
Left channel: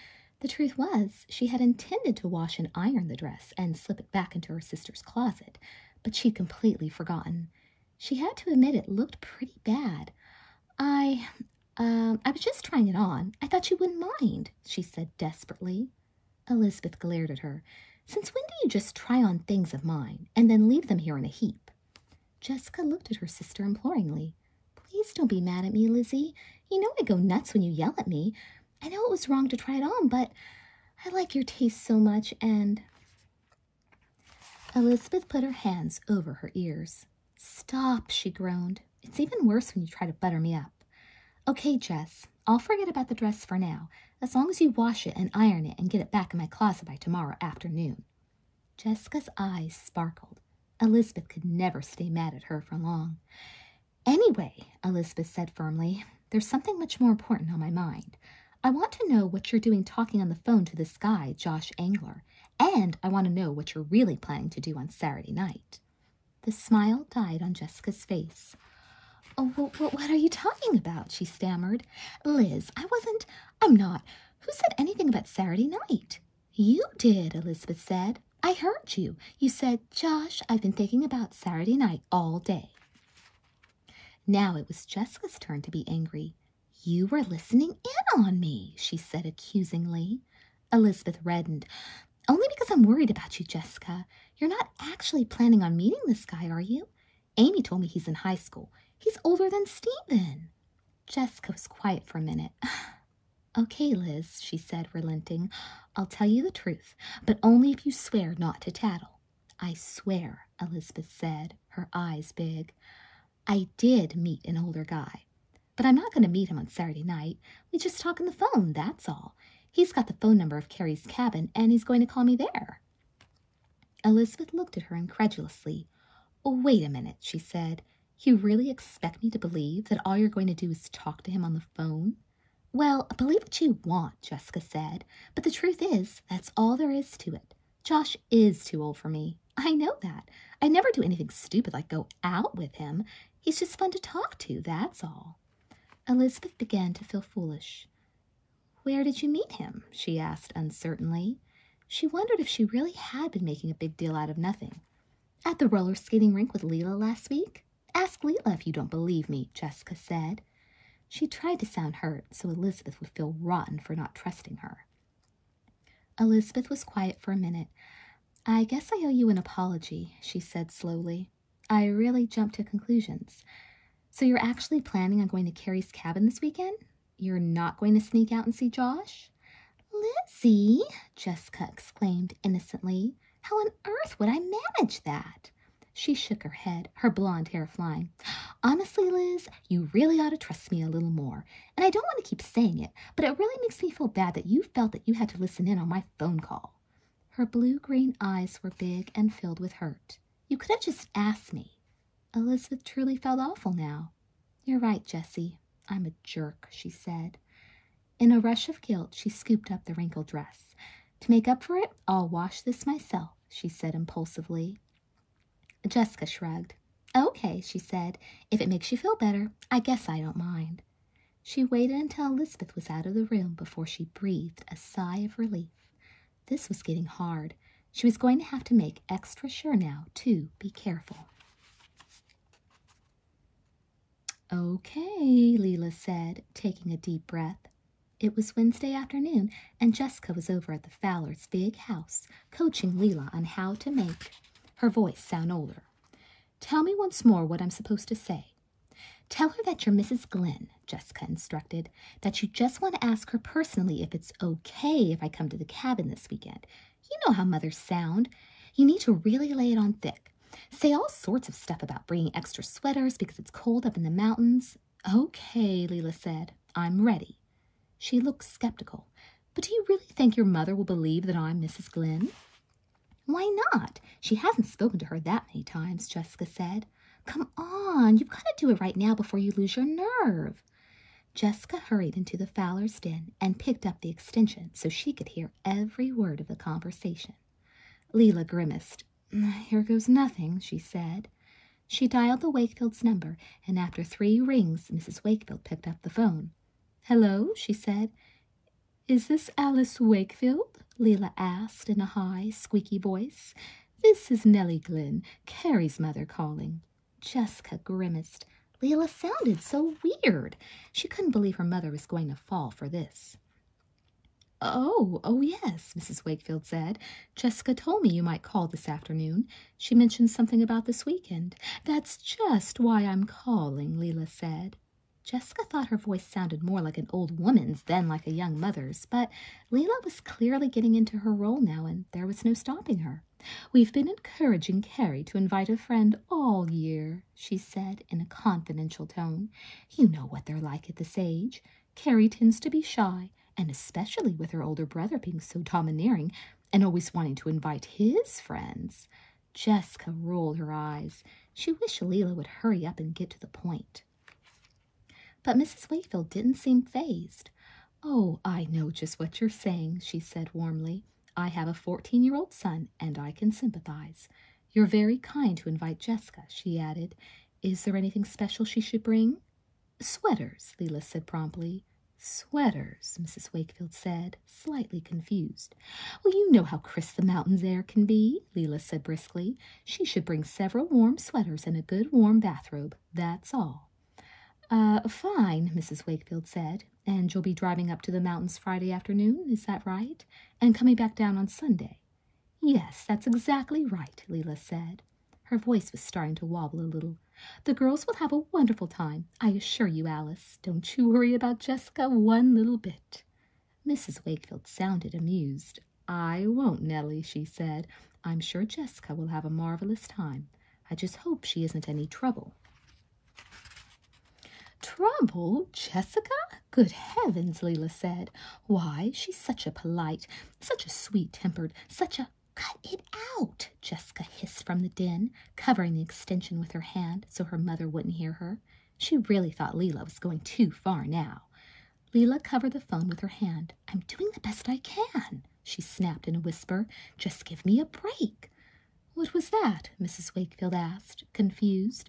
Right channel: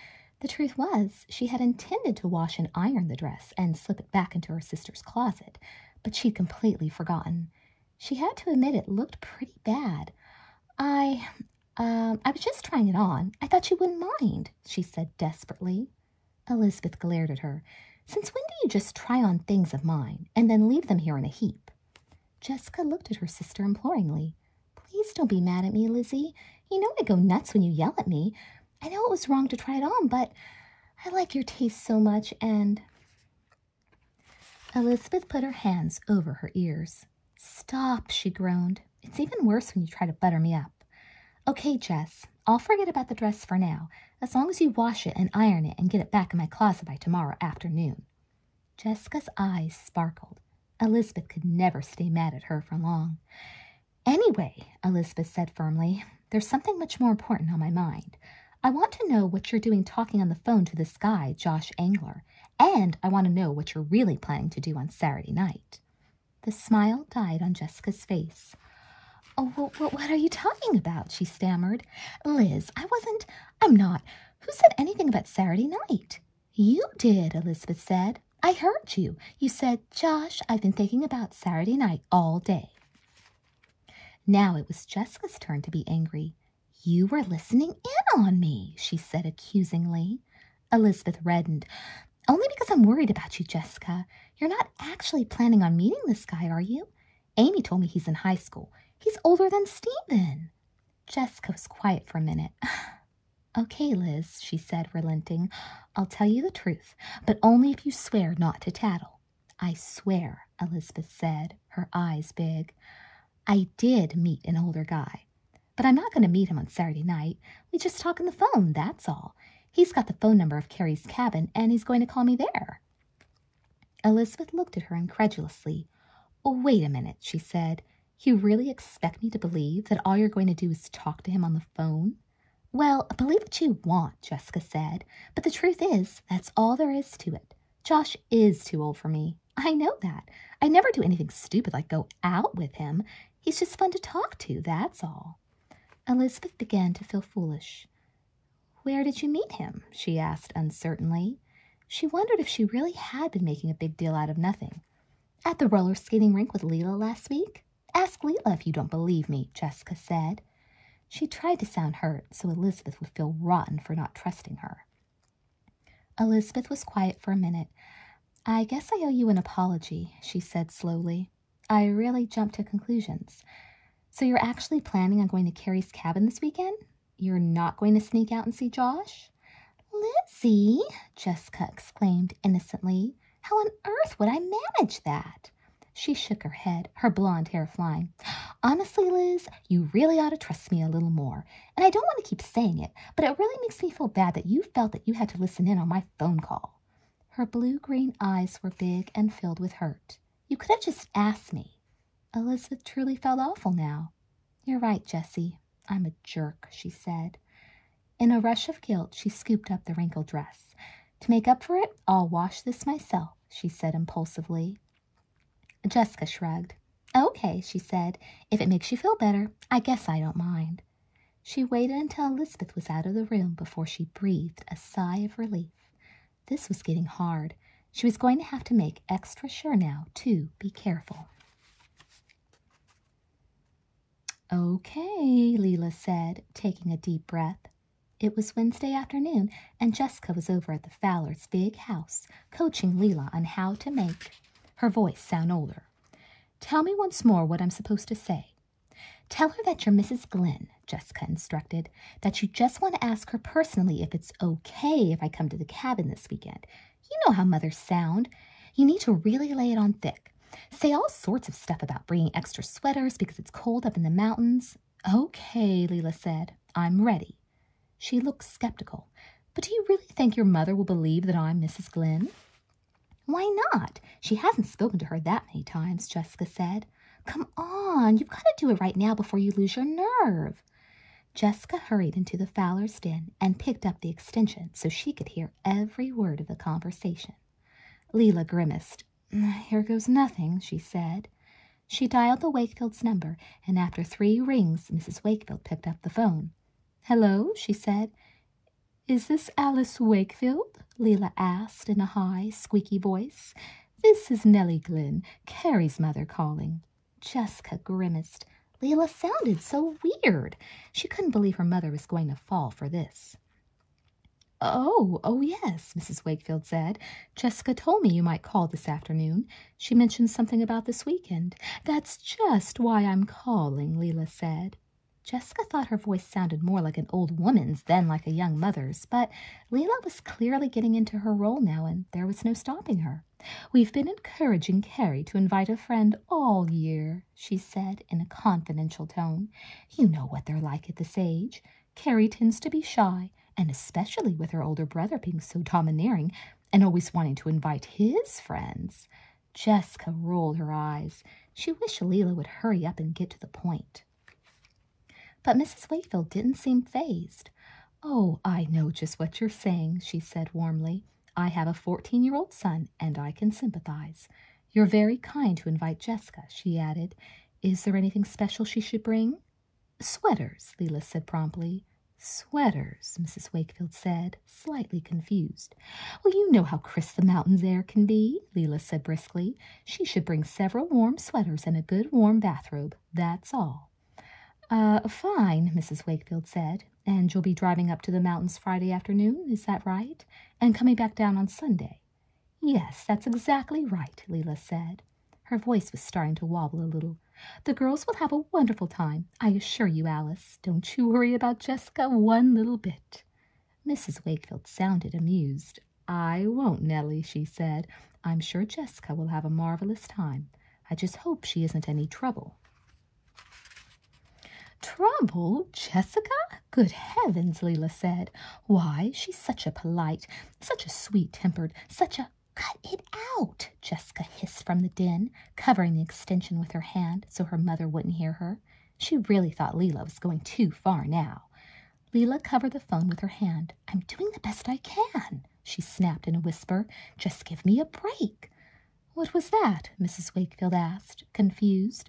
The truth was, she had intended to wash and iron the dress and slip it back into her sister's closet, but she'd completely forgotten. She had to admit it looked pretty bad. I was just trying it on. I thought you wouldn't mind," she said desperately. Elizabeth glared at her. "Since when do you just try on things of mine and then leave them here in a heap?" Jessica looked at her sister imploringly. "Please don't be mad at me, Lizzie. You know I go nuts when you yell at me. I know it was wrong to try it on, but I like your taste so much, and—" Elizabeth put her hands over her ears. "Stop," she groaned. "It's even worse when you try to butter me up." "Okay, Jess, I'll forget about the dress for now, as long as you wash it and iron it and get it back in my closet by tomorrow afternoon." Jessica's eyes sparkled. Elizabeth could never stay mad at her for long. "Anyway," Elizabeth said firmly, "there's something much more important on my mind. I want to know what you're doing talking on the phone to this guy, Josh Angler, and I want to know what you're really planning to do on Saturday night." The smile died on Jessica's face. "Oh, what are you talking about?" she stammered. "Liz, I'm not. Who said anything about Saturday night?" "You did," Elizabeth said. "I heard you. You said, 'Josh, I've been thinking about Saturday night all day.'" Now it was Jessica's turn to be angry. "You were listening in on me," she said accusingly. Elizabeth reddened. "Only because I'm worried about you, Jessica. You're not actually planning on meeting this guy, are you? Amy told me he's in high school. He's older than Stephen." Jessica was quiet for a minute. "Okay, Liz," she said, relenting. "I'll tell you the truth, but only if you swear not to tattle." "I swear," Elizabeth said, her eyes big. "I did meet an older guy, but I'm not going to meet him on Saturday night. We just talk on the phone, that's all. He's got the phone number of Carrie's cabin, and he's going to call me there." Elizabeth looked at her incredulously. "Oh, wait a minute," she said. "You really expect me to believe that all you're going to do is talk to him on the phone?" "Well, believe what you want," Jessica said, "but the truth is, that's all there is to it. Josh is too old for me. I know that. I never do anything stupid like go out with him. He's just fun to talk to, that's all." Elizabeth began to feel foolish. "Where did you meet him?" she asked uncertainly. She wondered if she really had been making a big deal out of nothing. "At the roller skating rink with Leela last week? Ask Leela if you don't believe me," Jessica said. She tried to sound hurt so Elizabeth would feel rotten for not trusting her. Elizabeth was quiet for a minute. "I guess I owe you an apology," she said slowly. "I really jumped to conclusions. So you're actually planning on going to Carrie's cabin this weekend? You're not going to sneak out and see Josh?" Lizzie, Jessica exclaimed innocently, how on earth would I manage that? She shook her head, her blonde hair flying. Honestly, Liz, you really ought to trust me a little more. And I don't want to keep saying it, but it really makes me feel bad that you felt that you had to listen in on my phone call. Her blue-green eyes were big and filled with hurt. You could have just asked me. Elizabeth truly felt awful now. You're right, Jessie. I'm a jerk, she said. In a rush of guilt, she scooped up the wrinkled dress. To make up for it, I'll wash this myself, she said impulsively. Jessica shrugged. Okay, she said. If it makes you feel better, I guess I don't mind. She waited until Elizabeth was out of the room before she breathed a sigh of relief. This was getting hard. She was going to have to make extra sure now to be careful. Okay, Leela said, taking a deep breath. It was Wednesday afternoon, and Jessica was over at the Fowlers' big house, coaching Leela on how to make her voice sound older. Tell me once more what I'm supposed to say. Tell her that you're Mrs. Glenn, Jessica instructed, that you just want to ask her personally if it's okay if I come to the cabin this weekend. You know how mothers sound. You need to really lay it on thick. Say all sorts of stuff about bringing extra sweaters because it's cold up in the mountains. Okay, Leela said. I'm ready. She looked skeptical. But do you really think your mother will believe that I'm Mrs. Glenn? Why not? She hasn't spoken to her that many times, Jessica said. Come on, you've got to do it right now before you lose your nerve. Jessica hurried into the Fowlers' den and picked up the extension so she could hear every word of the conversation. Leela grimaced. Here goes nothing, she said. She dialed the Wakefields' number, and after 3 rings, Mrs. Wakefield picked up the phone. Hello, she said. Is this Alice Wakefield? Leela asked in a high, squeaky voice. This is Nellie Glenn, Carrie's mother, calling. Jessica grimaced. Leela sounded so weird. She couldn't believe her mother was going to fall for this. Oh, yes, Mrs. Wakefield said. Jessica told me you might call this afternoon. She mentioned something about this weekend. That's just why I'm calling, Leela said. Jessica thought her voice sounded more like an old woman's than like a young mother's, but Leela was clearly getting into her role now, and there was no stopping her. We've been encouraging Carrie to invite a friend all year, she said in a confidential tone. You know what they're like at this age. Carrie tends to be shy, and especially with her older brother being so domineering and always wanting to invite his friends. Jessica rolled her eyes. She wished Leela would hurry up and get to the point. But Mrs. Wakefield didn't seem fazed. Oh, I know just what you're saying, she said warmly. I have a 14-year-old son, and I can sympathize. You're very kind to invite Jessica, she added. Is there anything special she should bring? Sweaters, Leela said promptly. Sweaters, Mrs. Wakefield said, slightly confused. Well, you know how crisp the mountains air can be, Leela said briskly. She should bring several warm sweaters and a good warm bathrobe, that's all. Fine, Mrs. Wakefield said. And you'll be driving up to the mountains Friday afternoon, is that right? And coming back down on Sunday? Yes, that's exactly right, Leela said. Her voice was starting to wobble a little. The girls will have a wonderful time, I assure you, Alice. Don't you worry about Jessica one little bit. Mrs. Wakefield sounded amused. I won't, Nellie, she said. I'm sure Jessica will have a marvelous time. I just hope she isn't any trouble. Trouble, Jessica? Good heavens, Leela said. Why, she's such a polite, such a sweet-tempered, such a— Cut it out, Jessica hissed from the den, covering the extension with her hand so her mother wouldn't hear her. She really thought Leela was going too far now. Leela covered the phone with her hand. I'm doing the best I can, she snapped in a whisper. Just give me a break. What was that? Mrs. Wakefield asked, confused.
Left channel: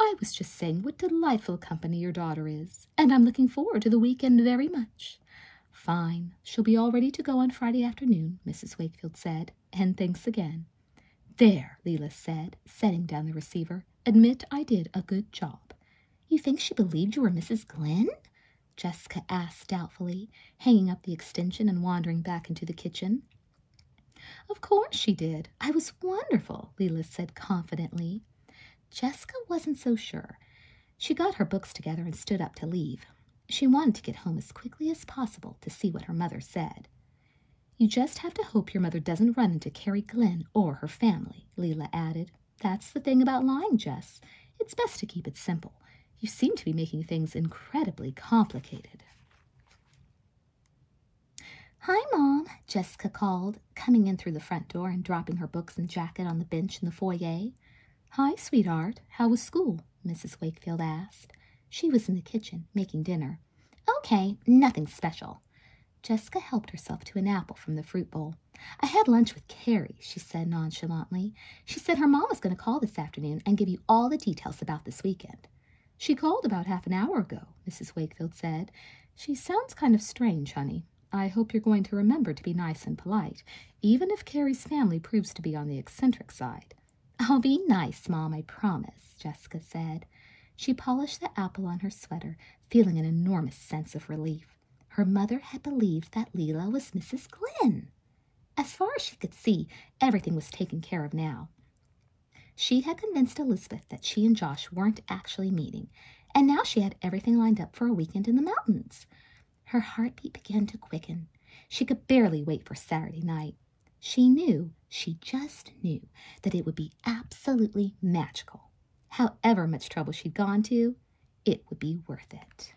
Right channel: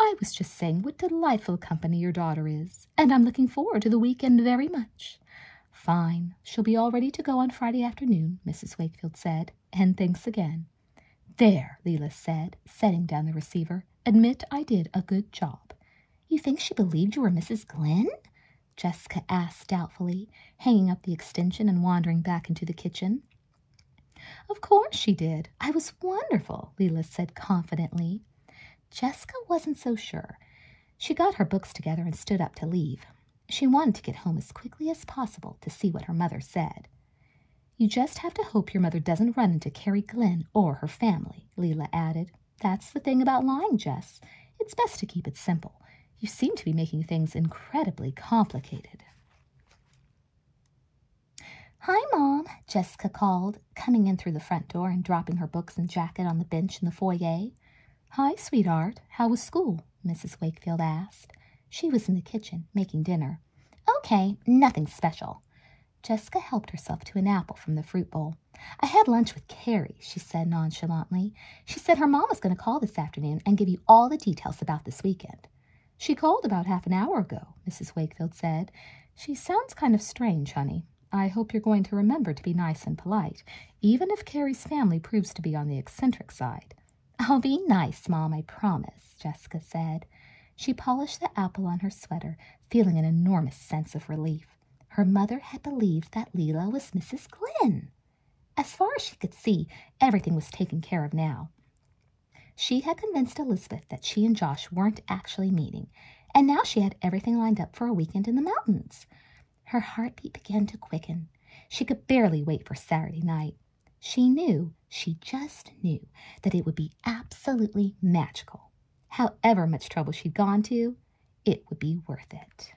I was just saying what delightful company your daughter is, and I'm looking forward to the weekend very much. Fine. She'll be all ready to go on Friday afternoon, Mrs. Wakefield said, and thanks again. There, Leela said, setting down the receiver. Admit I did a good job. You think she believed you were Mrs. Glenn? Jessica asked doubtfully, hanging up the extension and wandering back into the kitchen. Of course she did. I was wonderful, Leela said confidently. Jessica wasn't so sure. She got her books together and stood up to leave. She wanted to get home as quickly as possible to see what her mother said. You just have to hope your mother doesn't run into Carrie Glenn or her family, Leela added. That's the thing about lying, Jess. It's best to keep it simple. You seem to be making things incredibly complicated. Hi, Mom, Jessica called, coming in through the front door and dropping her books and jacket on the bench in the foyer. Hi, sweetheart. How was school? Mrs. Wakefield asked. She was in the kitchen, making dinner. Okay, nothing special. Jessica helped herself to an apple from the fruit bowl. I had lunch with Carrie, she said nonchalantly. She said her mom was going to call this afternoon and give you all the details about this weekend. She called about half an hour ago, Mrs. Wakefield said. She sounds kind of strange, honey. I hope you're going to remember to be nice and polite, even if Carrie's family proves to be on the eccentric side. I'll be nice, Mom, I promise, Jessica said. She polished the apple on her sweater, feeling an enormous sense of relief. Her mother had believed that Leela was Mrs. Glenn. As far as she could see, everything was taken care of now. She had convinced Elizabeth that she and Josh weren't actually meeting, and now she had everything lined up for a weekend in the mountains. Her heartbeat began to quicken. She could barely wait for Saturday night. She just knew, that it would be absolutely magical. However much trouble she'd gone to, it would be worth it.